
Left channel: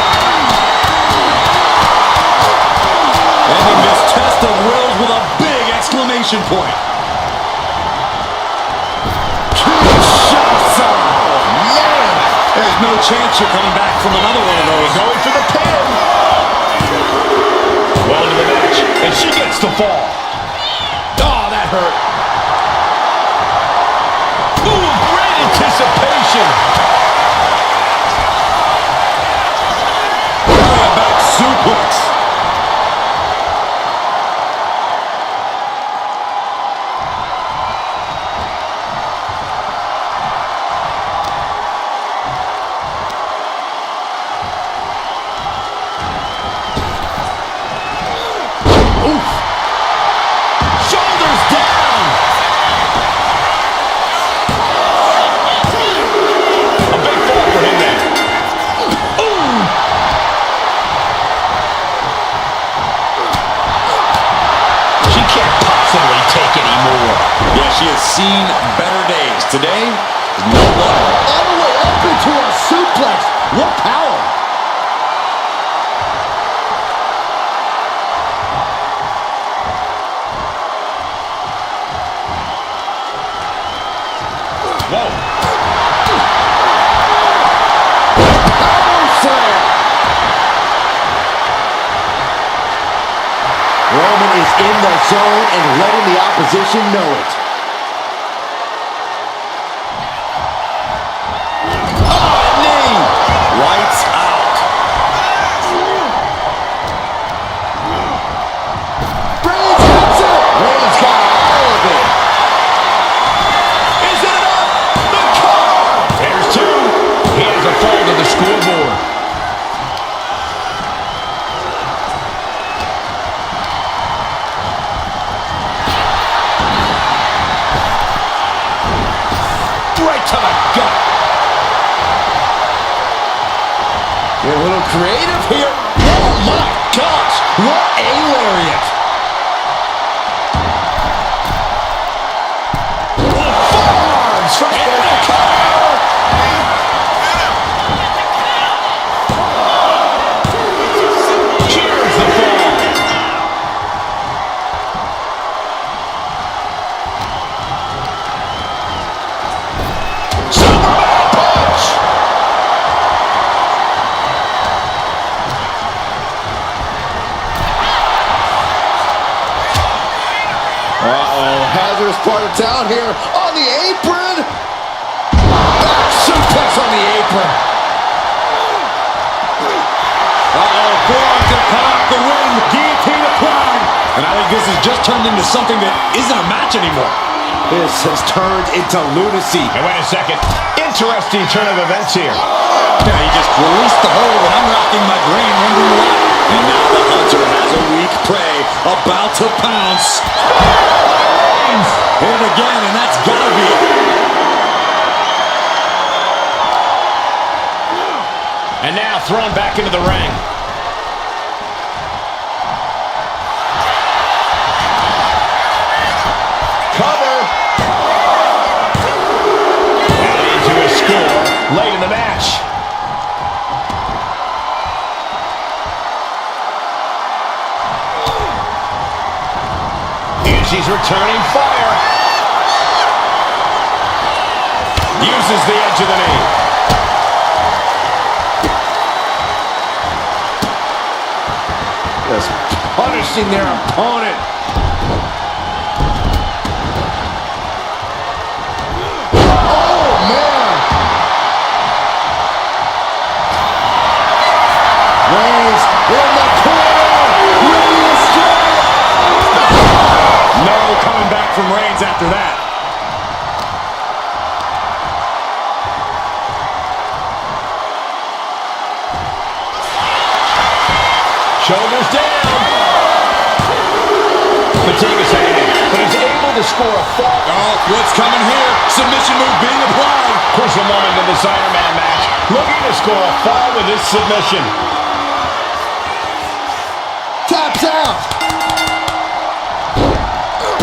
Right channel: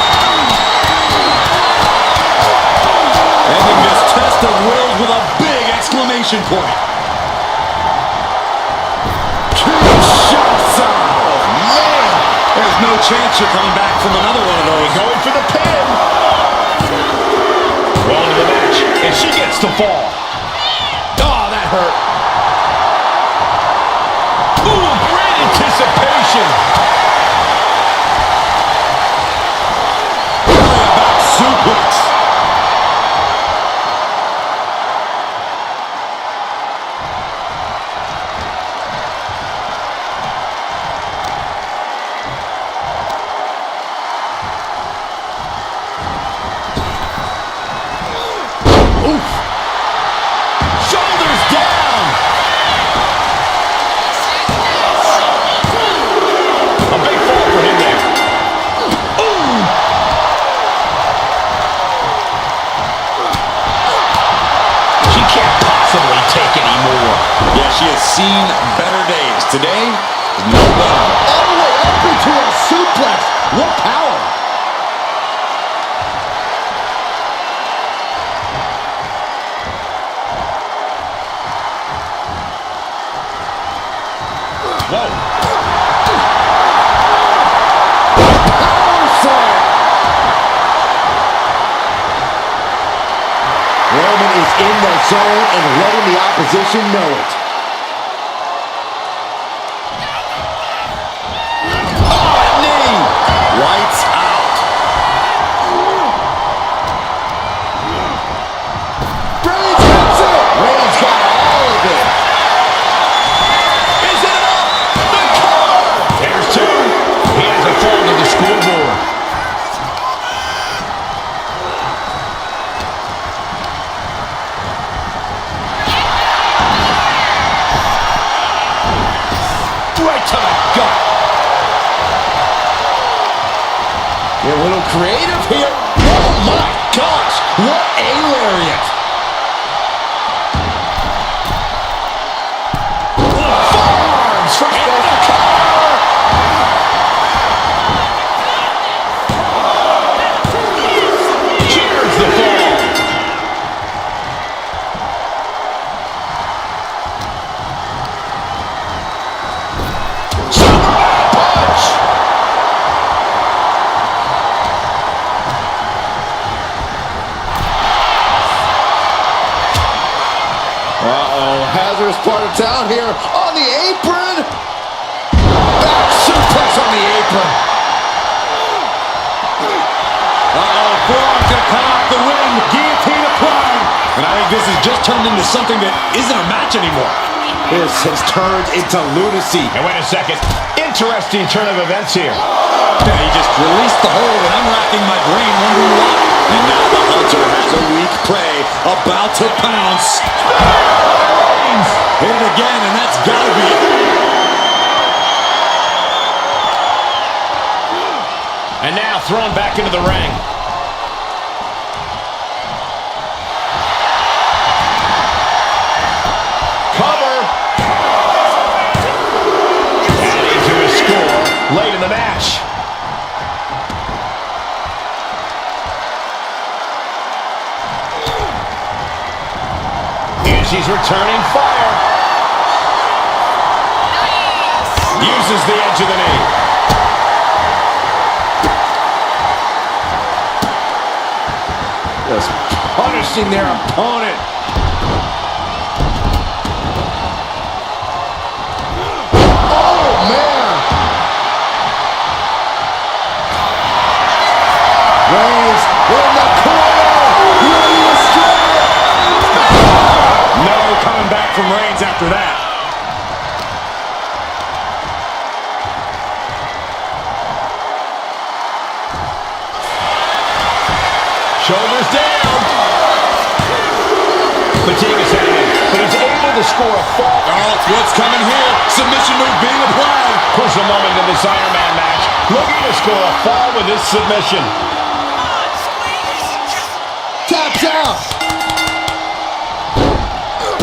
Ending this test of wills with a big exclamation point. There's no chance you're coming back from another one of those. Going for the pin. Well into the match, and she gets the fall. Oh, that hurt. Ooh, great anticipation. Really a back suplex. Yeah, she has seen better days. Today is no one. All the way up into a suplex. What power! Whoa. Power slam! Roman is in the zone and letting the opposition know it. Oh, knee! Lights out. Reigns gets it! Reigns got all of it. Is it enough? The cover! There's two. He has a fall to the scoreboard. Right to the gut. Get a little creative here. Oh my gosh! What a lariat! Forearms from into the cover. Cheers the fall. Superman punch. Uh-oh, hazardous part of town here on the apron. Back suplex on the apron. Uh-oh, forearm's gonna cut off the wind. Guillotine applied. And I think this has just turned into something that isn't a match anymore. This has turned into lunacy. And wait a second. Interesting turn of events here. Yeah, he just released the hold, and I'm racking my brain wondering why. And now the hunter has a weak prey about to pounce. Hit it again, and that's gotta be it. And now thrown back into the ring. Cover. Adding to his score late in the match. Here she's returning fire. Uses the edge of the knee. Just punishing their opponent. Oh, man. Reigns in the corner. Ready to strike. No coming back from Reigns after that. Shoulders down. Fatigue is setting in, but he's able to score a fall. Oh, what's coming here? Submission move being applied. Crucial moment in this Iron Man match. Looking to score a fall with this submission. Taps out.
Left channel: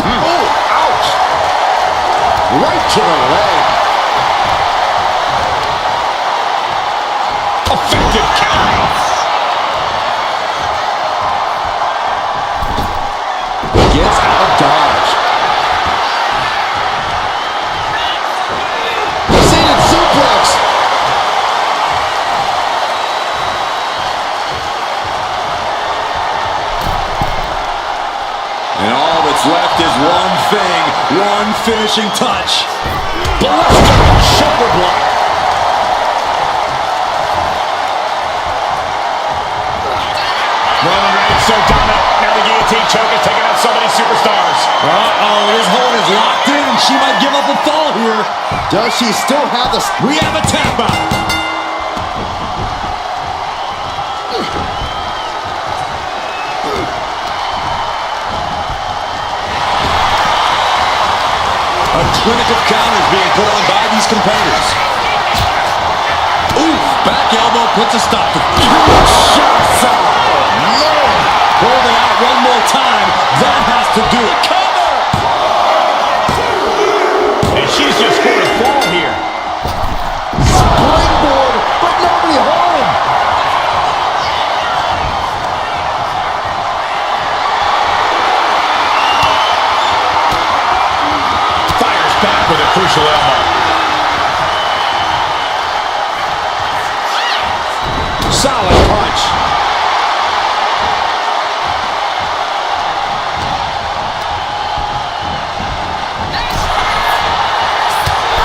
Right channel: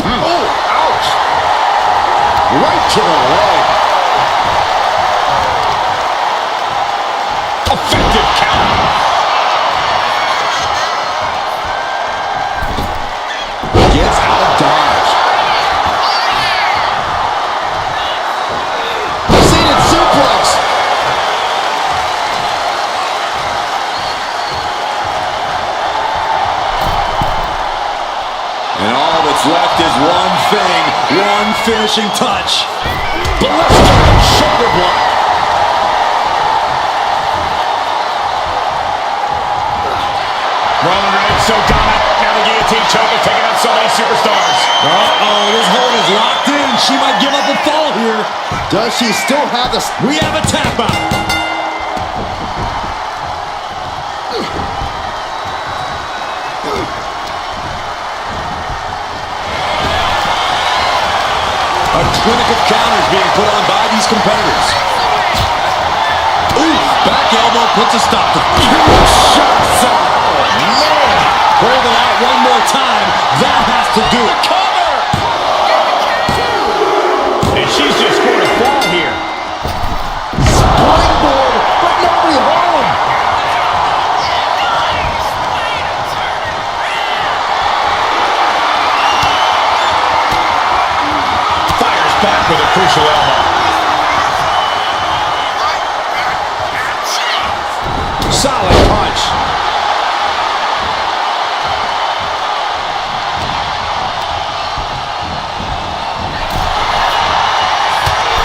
Oh, ouch. Right to the leg. Effective counter. Gets out of dodge. Seated suplex. And all that's left is one thing, one finishing touch. Blistering shoulder block. Roman Reigns so dominant. Now the guillotine choke is taking out so many superstars. Uh-oh, this hold is locked in. She might give up a fall here. Does she still have the... We have a tap out. A clinic of counters being put on by these competitors. Ooh, back elbow puts a stop to shots out. Man! Hold it out one more time. That has to do it. Cover! And she's just scored a fall here. Springboard, but nobody home. crucial elbow. Solid punch.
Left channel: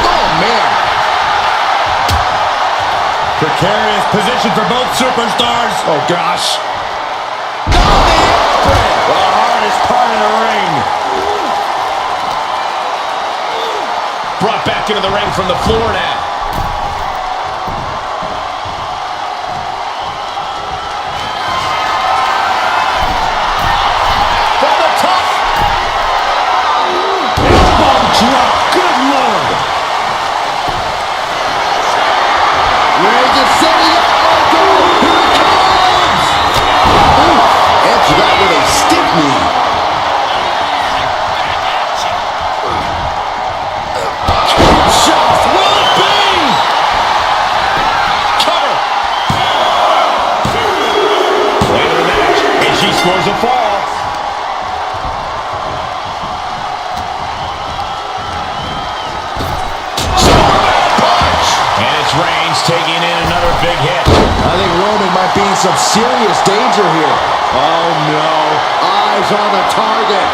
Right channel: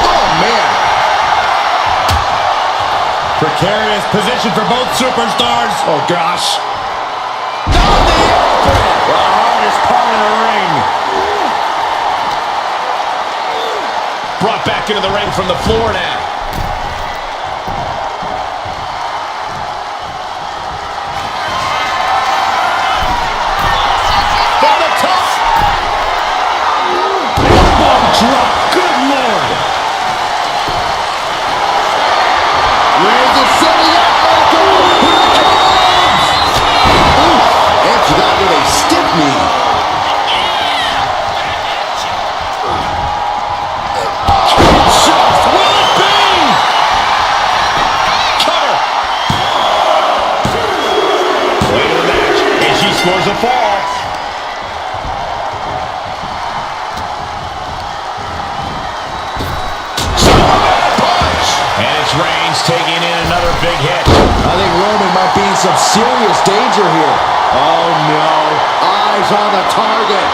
Oh, man. Precarious position for both superstars. Oh, gosh. Down the apron. The hardest part of the ring. Brought back into the ring from the floor now. From the top. Elbow drop. Good Lord. Reigns is setting up. Oh, God. Here it comes. Ooh, answer that with a stiff knee. Shots. Will it be? Cover. Way to the match. And she scores a fall. Superman punch. And it's Reigns taking in another big hit. I think Roman might be in some serious danger here. Oh, no. Eyes on the target.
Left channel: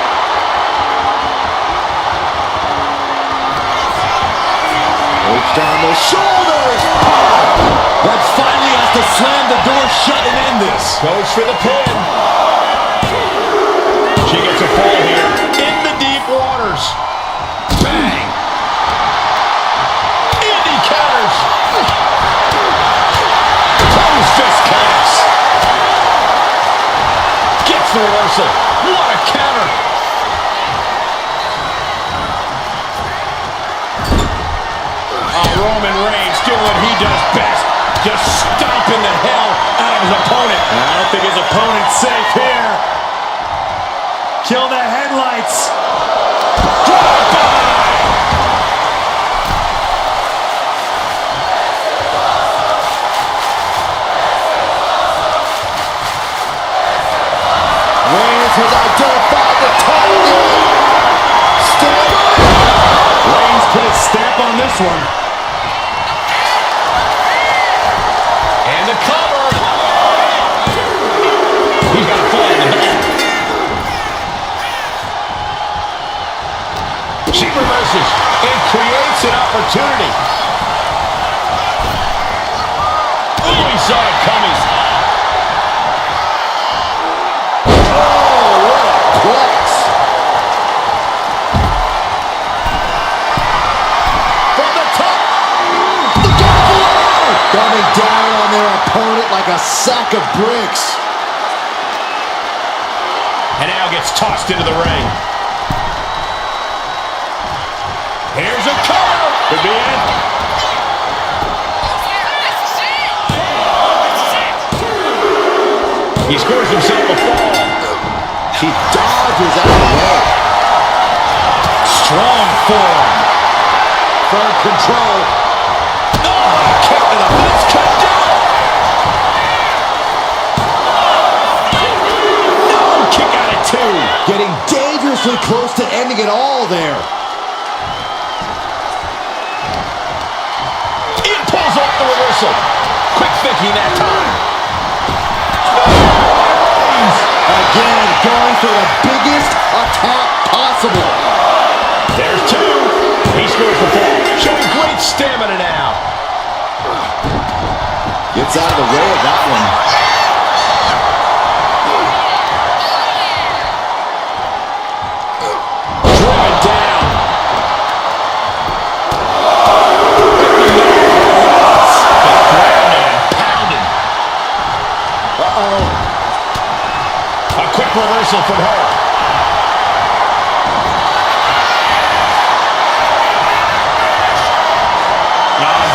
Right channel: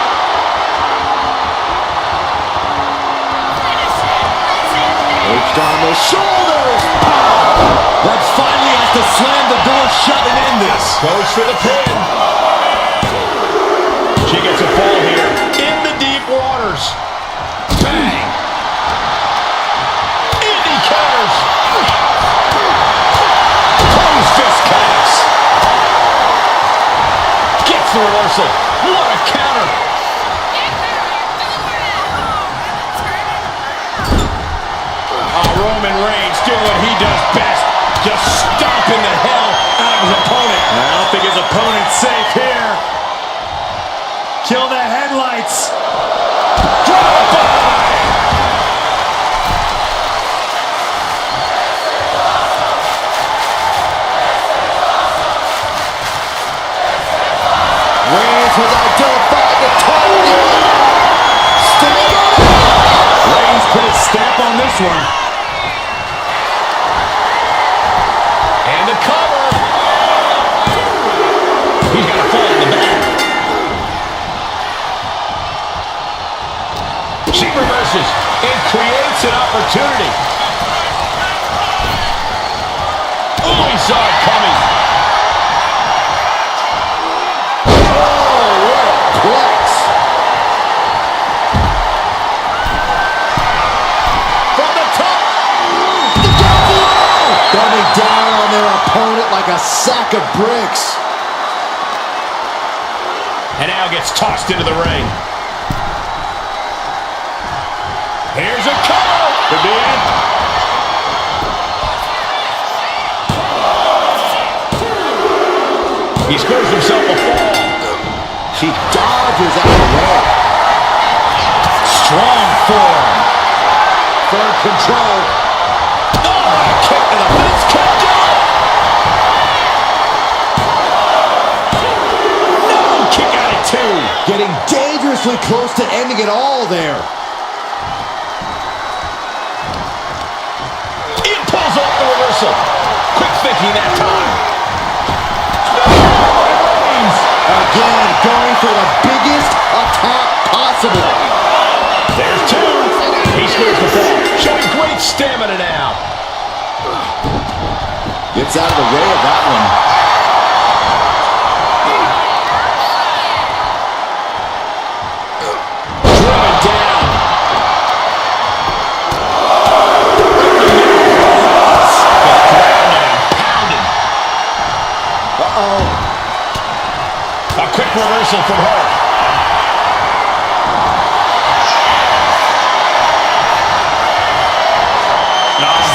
Hooked on the shoulders. That finally has to slam the door shut and end this. Goes for the pin. She gets a fall here. In the deep waters. Bang. Indy counters. Close fist connects. Gets the reversal. What a counter. Roman Reigns doing what he does best. Just stomping the hell out of his opponent. I don't think his opponent's safe here. Kill the headlights. Drive-by. Reigns has identified the target. Stand on it. Reigns put his stamp on this one. And the cover. He's got a fall in the back. She reverses and creates an opportunity. Oh, he saw it coming. Oh, what a plex. From the top. Look out below. Coming down on their opponent like a sack of bricks. And now gets tossed into the ring. Here's a cover. Could be it. He scores himself a fall. She dodges out of the way. Strong form. Firm control. Oh, a kick to the face. Could do it. No, kick out at two. Getting dangerously close to ending it all there. It pulls off the reversal. Quick thinking that time. Again, going for the biggest attack possible. There's two. He scores the fall, showing great stamina now. Gets out of the way of that one. Driven down. Right in the middle for the Reigns. Just grounded and pounded. Uh-oh. A quick reversal from her.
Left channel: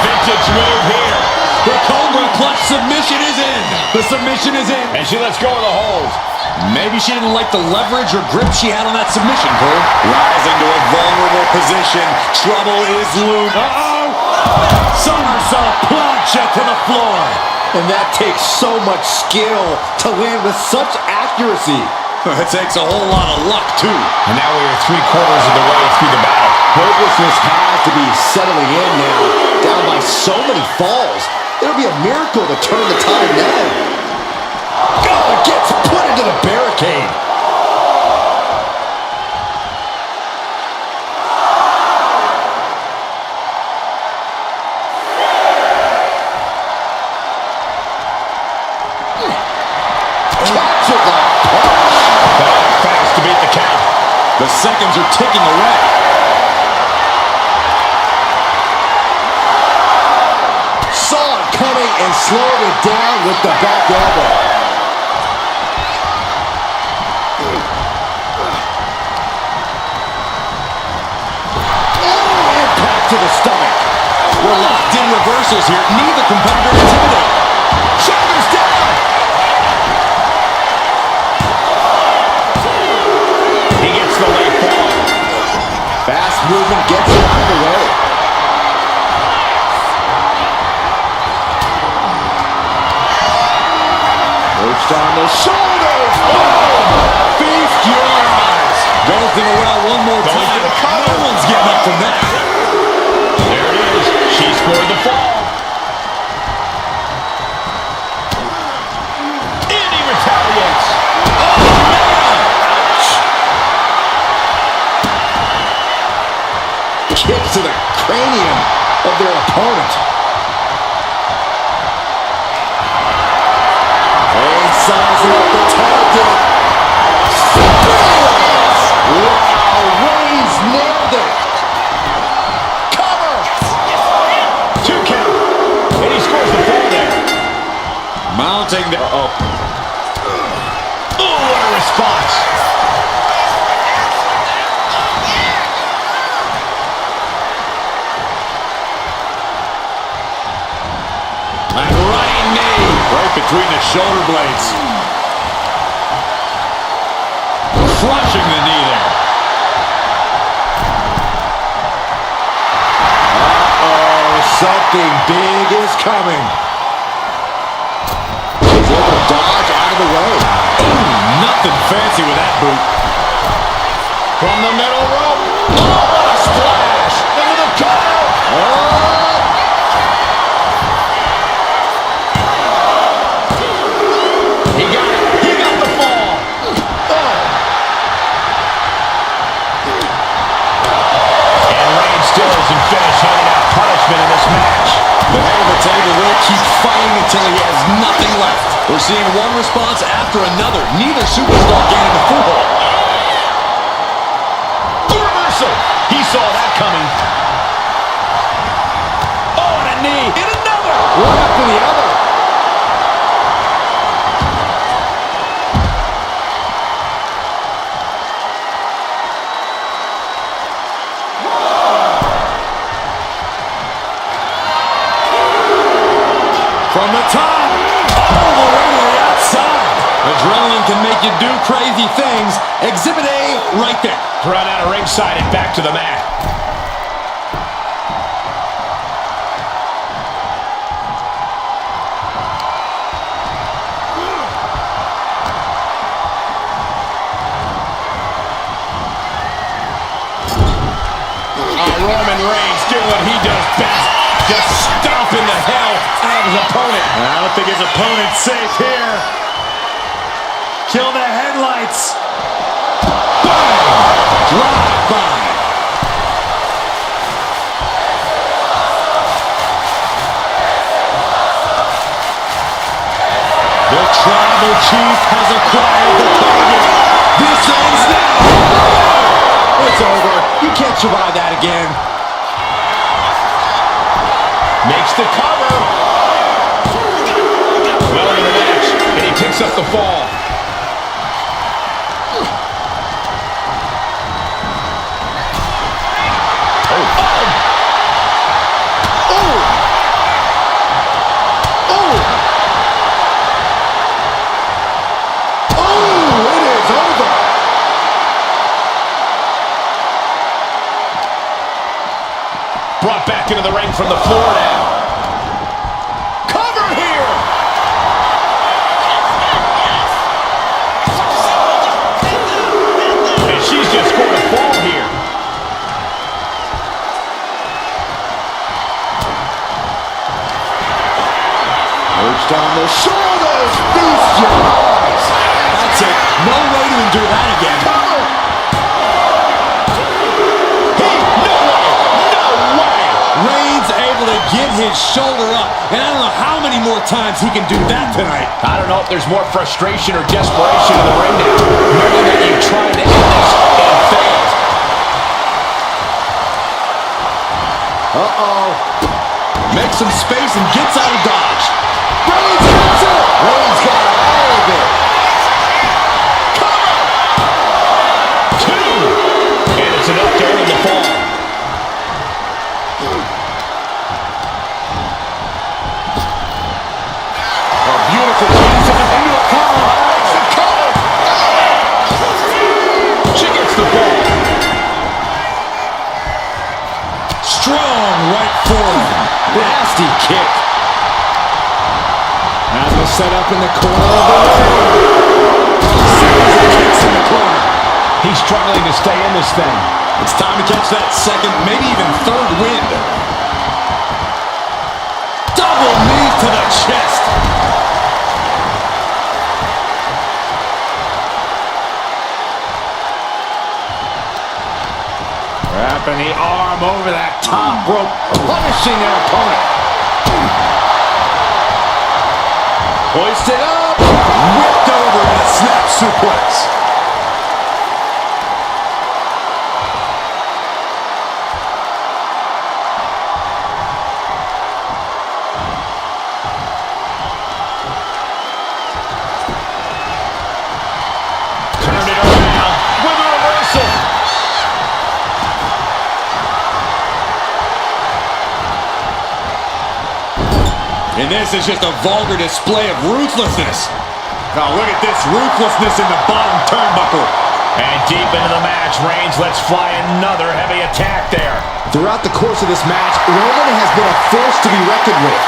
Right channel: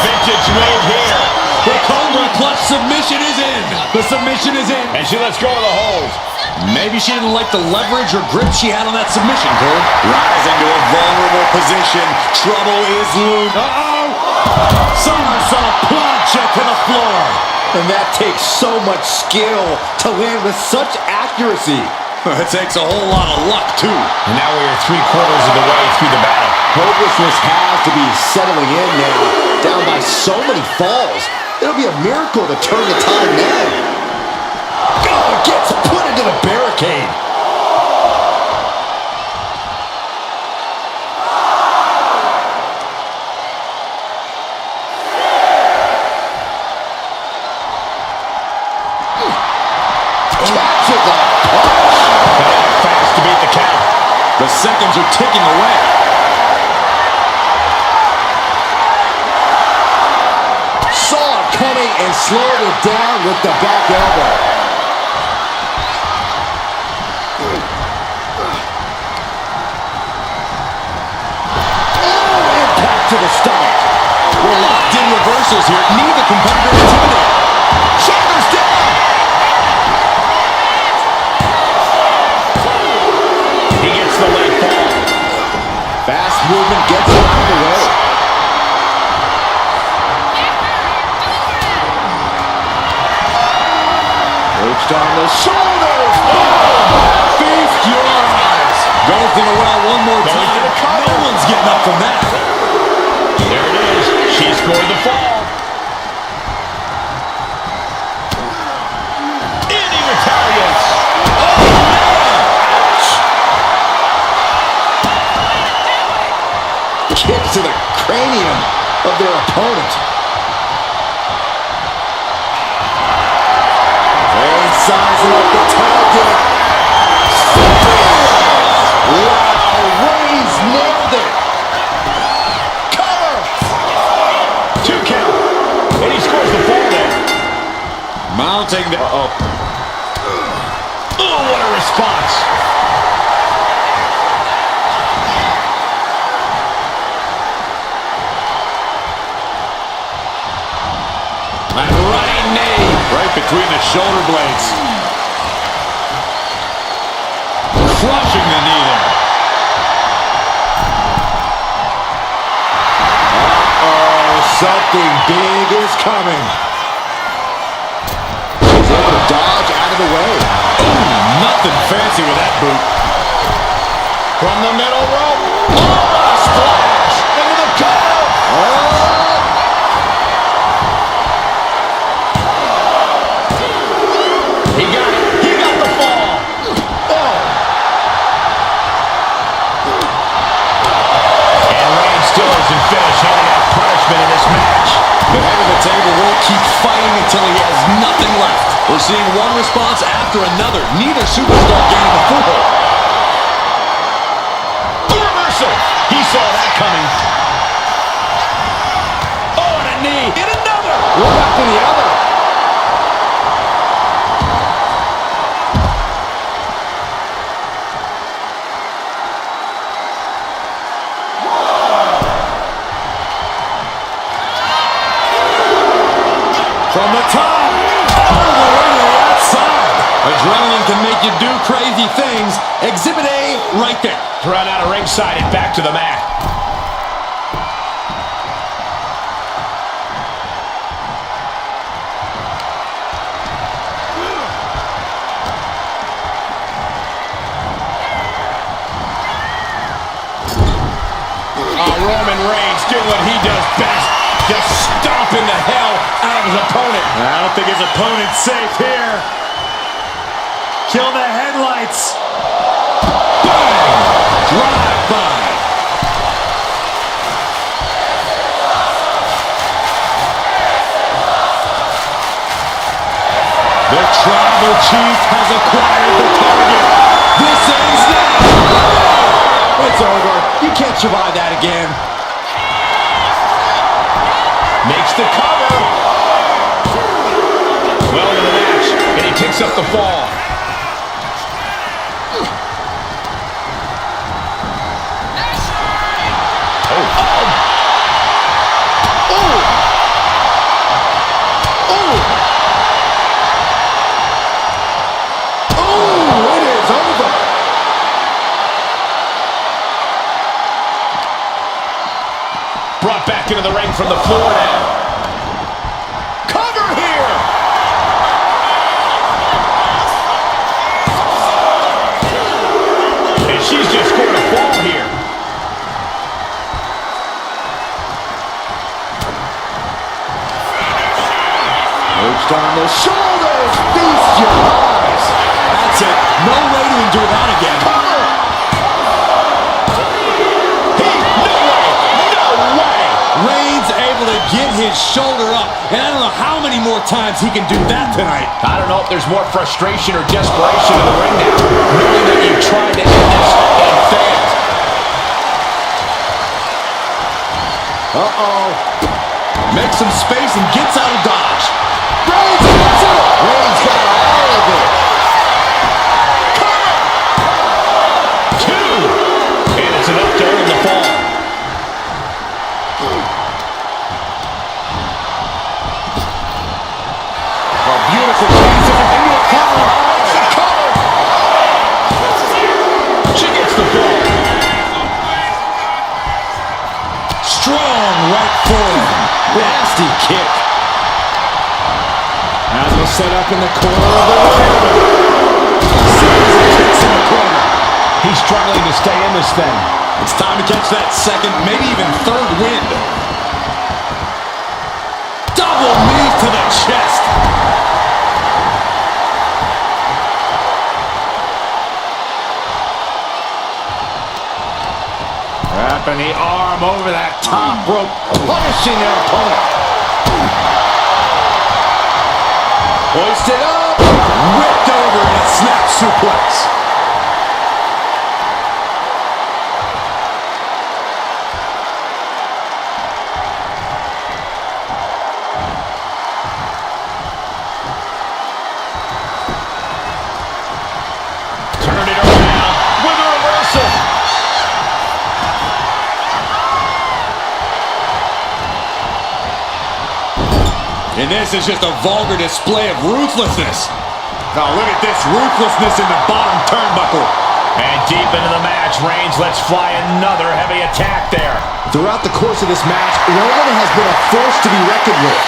Vintage move here. The Cobra Clutch submission is in. The submission is in. And she lets go of the hold. Maybe she didn't like the leverage or grip she had on that submission, Cole. Rising to a vulnerable position. Trouble is looming. Uh-oh. Somersault plancha to the floor. And that takes so much skill to land with such accuracy. It takes a whole lot of luck, too. And now we are 3/4 of the way through the battle. Hopelessness has to be settling in now. Down by so many falls. It'll be a miracle to turn the tide now. Oh, it gets put into the barricade. Captured that punch. Got to act fast to beat the count. The seconds are ticking away. Saw it coming and slowed it down with the back elbow. Oh, impact to the stomach. We're locked in reversals here. Neither competitor intimidated. Shoulders down. He gets the late fall. Fast movement gets it out of the way. Perched on the shoulders. Oh! Feast your eyes. Goes to the well one more Going time. to the cover. No one's getting up from that. There it is. She scored the fall. And he retaliates. Oh, man. Ouch. Kicks to the cranium of their opponent. Reigns sizing up the target. Spears! Wow, Reigns nailed it. Cover. 2 count. And he scores the fall there. Mounting the... Oh, what a response. And running knee. Right between the shoulder blades. Crushing the knee there. Uh-oh, something big is coming. He's able to dodge out of the way. Nothing fancy with that boot. From the middle rope. Oh, what a splash. Into the cover. Oh! He got it. He got the fall. Oh. And Reigns still isn't finished handing out punishment in this match. The head of the table will keep fighting until he has nothing left. We're seeing one response after another. Neither superstar gaining the foothold. A reversal. He saw that coming. Oh, and a knee. And another. One after the other. From the top, all the way to the outside. Adrenaline can make you do crazy things. Exhibit A right there. Thrown out of ringside and back to the mat. Roman Reigns doing what he does best. Just stomping the hell out of his opponent. I don't think his opponent's safe here. Kill the headlights. Bang! Drive by. The tribal chief has acquired the target. This ends now. It's over. You can't survive that again. Makes the cover. Well into the match, and he picks up the fall. Brought back into the ring from the floor now. Cover here. Perched on the shoulders, feast your eyes. That's it. No way to endure that again. Cover. No way! No way! Reigns able to get his shoulder up, and I don't know how many more times he can do that tonight. I don't know if there's more frustration or desperation in the ring now, knowing that you tried to end this and failed. Uh-oh. Makes some space and gets out of dodge. Reigns gets it. Reigns got all of it. Cover! 2! And it's enough to earn the fall. A beautiful piece of into the collar. Makes the cover! She gets the fall. Strong right forearm. Nasty kick. As we'll set up in the corner of the ring. Series of kicks in the corner. He's struggling to stay in this thing. It's time to catch that second, maybe even third wind. Double knee to the chest. Wrapping the arm over that top rope, punishing their opponent. Hoisted up. Whipped over in a snap suplex. Turned it around with a reversal. And this is just a vulgar display of ruthlessness. Oh, look at this ruthlessness in the bottom turnbuckle. And deep into the match, Reigns lets fly another heavy attack there. Throughout the course of this match, Roman has been a force to be reckoned with.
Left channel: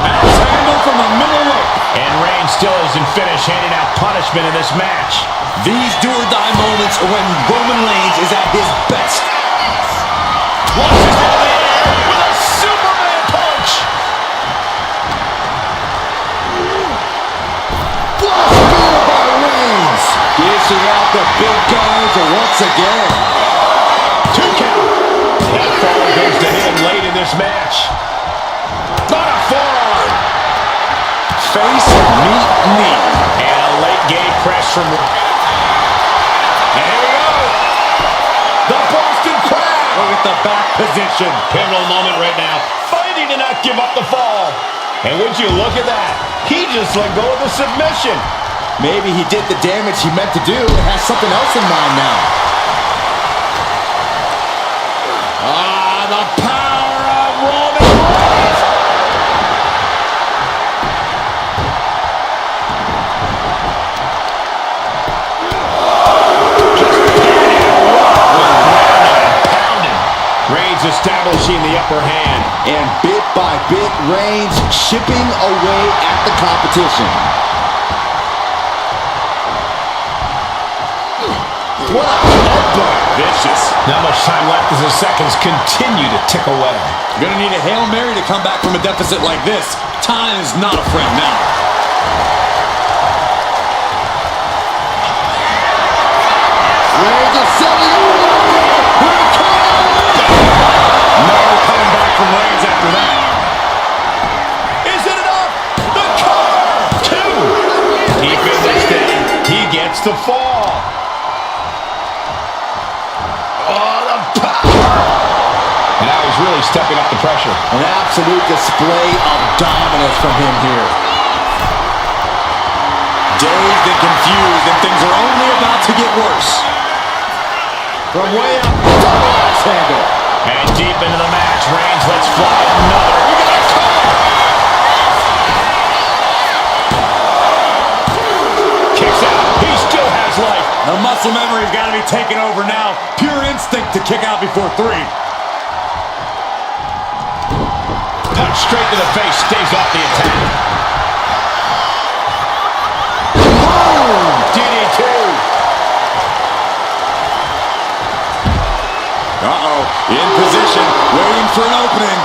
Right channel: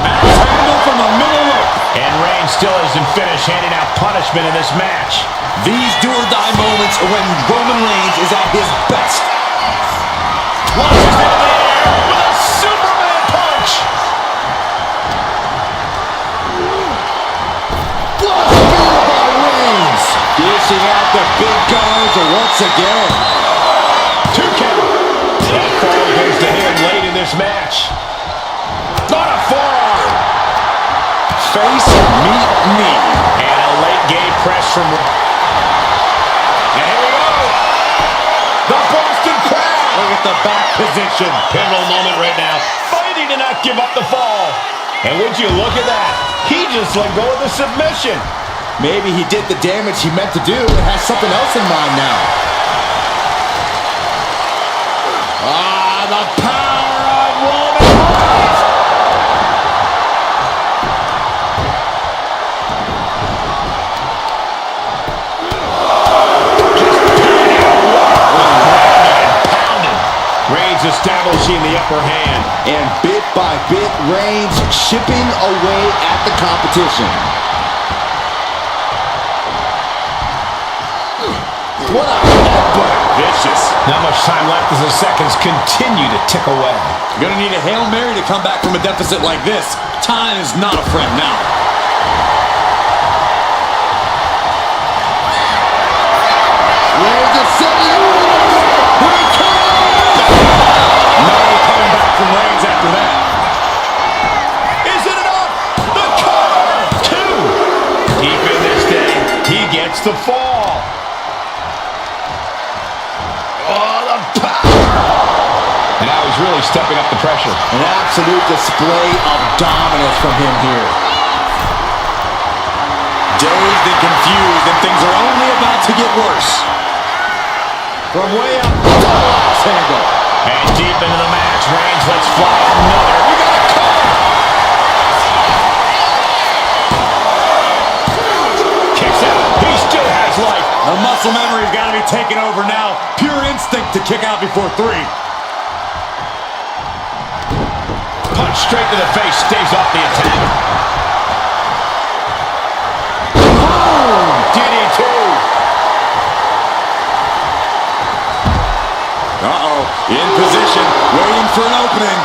Axe handle from the middle rope. And Reigns still isn't finished handing out punishment in this match. These do-or-die moments are when Roman Reigns is at his best. Launches into the air with a Superman punch. What a spear by Reigns! Dishing out the big guns once again. 2 count. That fall goes to him late in this match. On a forearm. Face, meet, knee. And a late game press from... And here we go. The Boston Crab. Look at the back position. Pivotal moment right now. Fighting to not give up the fall. And would you look at that? He just let go of the submission. Maybe he did the damage he meant to do and has something else in mind now. Ah, the power of Roman Reigns. Just pounding away. Grounded and pounded. Reigns establishing the upper hand. And bit by bit, Reigns chipping away at the competition. What a headbutt. Vicious. Not much time left as the seconds continue to tick away. Gonna need a Hail Mary to come back from a deficit like this. Time is not a friend now. Reigns is setting up. Here it comes. No coming back from Reigns after that. Is it enough? The cover! 2. Deep in this thing, he gets the fall. Oh, the power! And now he's really stepping up the pressure. An absolute display of dominance from him here. Dazed and confused, and things are only about to get worse. From way up, double axe handle. And deep into the match, Reigns lets fly another. We got a cover! Kicks out. He still has life. The muscle memory's got to be taken over now. Pure instinct to kick out before 3. Punch straight to the face, stays off the attack. Boom! DDT. Uh-oh, in position, waiting for an opening.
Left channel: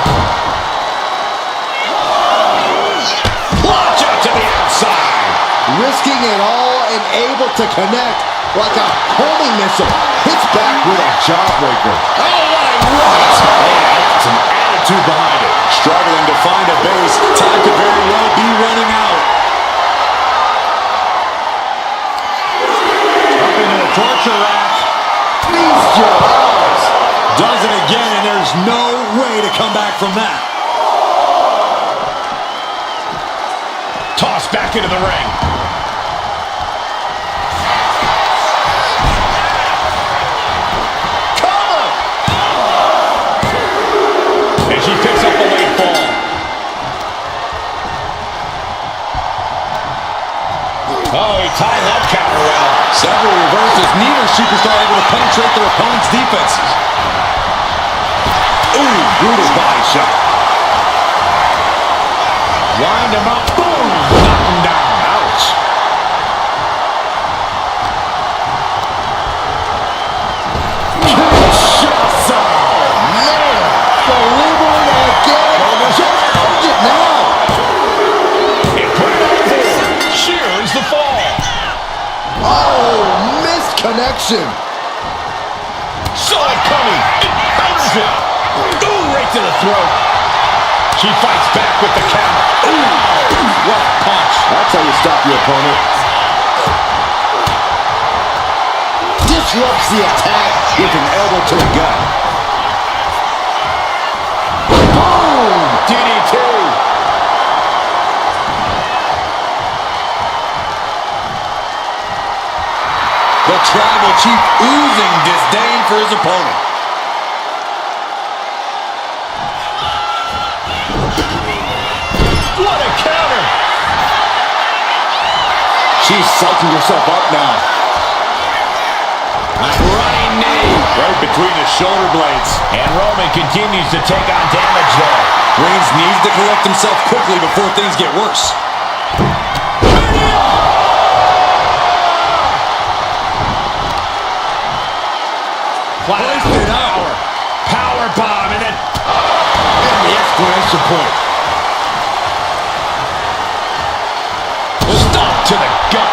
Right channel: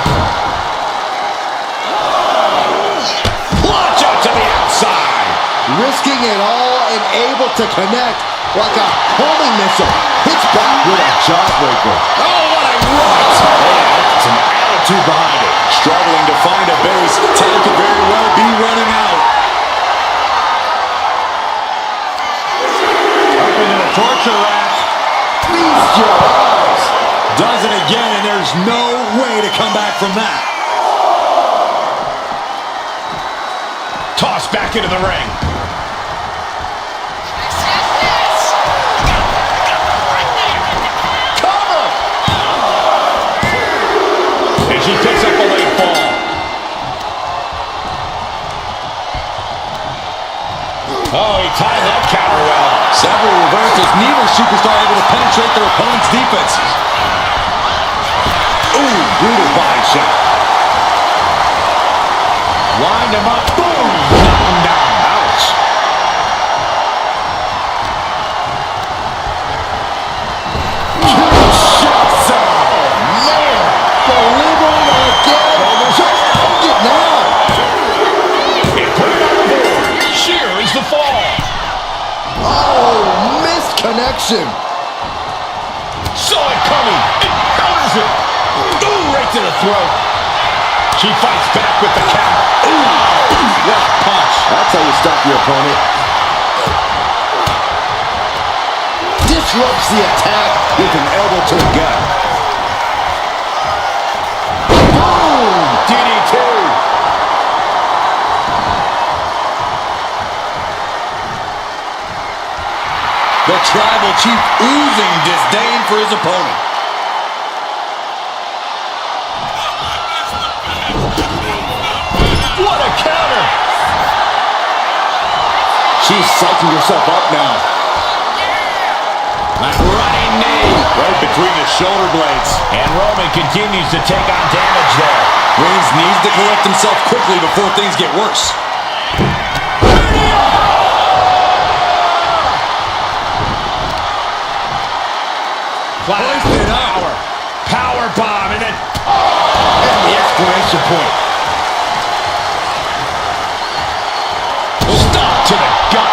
risking it all and able to connect like a homing missile. Hits back with a jawbreaker. Oh, what a right! Man, that's some attitude behind it. Struggling to find a base. Time could very well be running out. Up into the torture rack. Feast your eyes. Does it again, and there's no way to come back from that. Tossed back into the ring. Cover! And she picks up a late fall. Oh, he timed that counter well. Several reversals. Neither superstar able to penetrate their opponent's defenses. Ooh, brutal body shot. Wind him up. Boom! Knock him down. Ouch. Kinshasa. Man, delivering again. Just hold it now. And put it on the board. Shears the fall. Oh, missed connection. Saw it coming. It counters it. Ooh, right to the throat. She fights back with the counter. Ooh, what a punch. That's how you stop your opponent. Disrupts the attack with an elbow to the gut. Boom! DDT. The Tribal Chief oozing disdain for his opponent. What a counter. She's psyching herself up now. A running knee. Right between the shoulder blades. And Roman continues to take on damage there. Reigns needs to collect himself quickly before things get worse. Hoisted power. Power bomb. And then And the exclamation point. stop to the gut.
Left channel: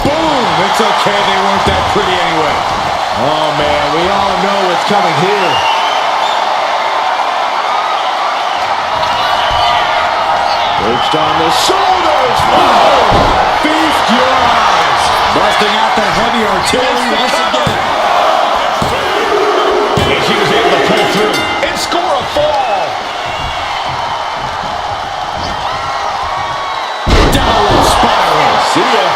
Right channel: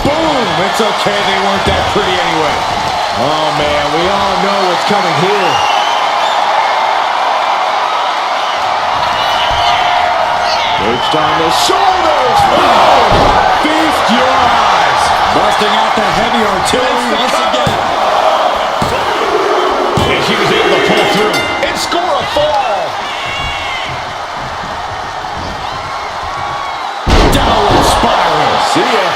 Boom! It's okay, they weren't that pretty anyway. Oh man, we all know what's coming here. Perched on the shoulders. Boom! Feast your eyes. Busting out the heavy artillery once again. And she was able to pull through and score a fall. Downward spiral. See ya.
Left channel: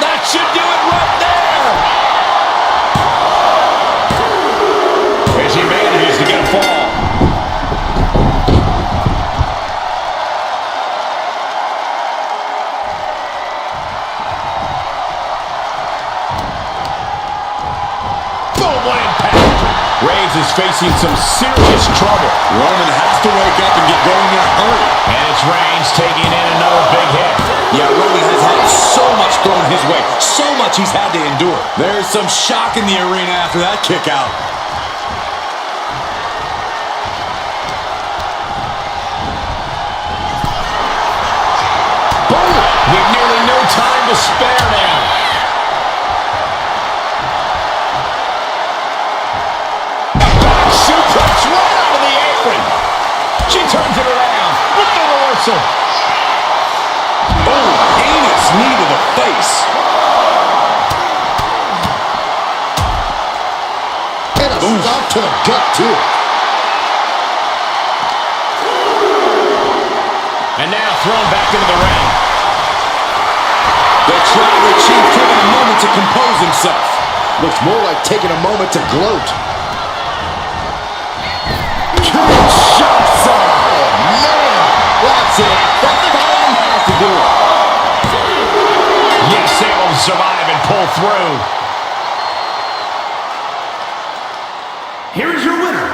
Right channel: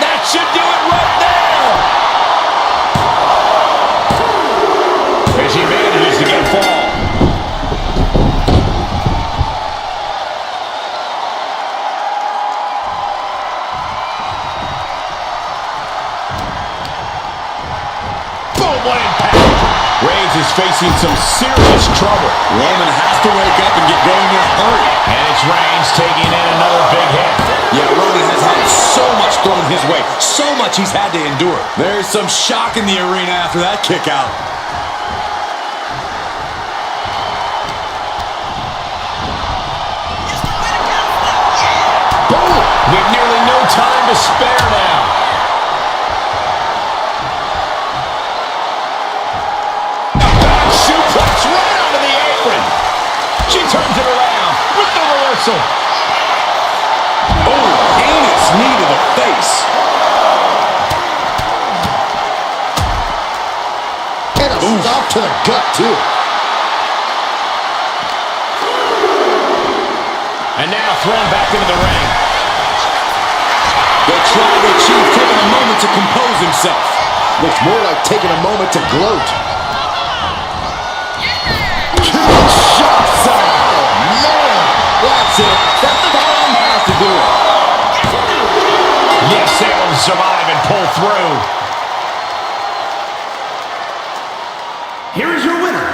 That should do it right there. And she manages to get a fall. Boom, what impact. Reigns is facing some serious trouble. Roman has to wake up and get going in a hurry. And it's Reigns taking in another big hit. Yeah, Roman has had so much thrown his way. So much he's had to endure. There's some shock in the arena after that kick out. Boom! With nearly no time to spare now. A back suplex right onto the apron. She turns it around with the reversal. Oh, heinous knee to the face. And a stop to the gut, too. And now thrown back into the ring. The Tribal Chief taking a moment to compose himself. Looks more like taking a moment to gloat. Kinshasa! Man, that's it. That finally has to do it. Yes, able to survive and pull through. Here is your winner,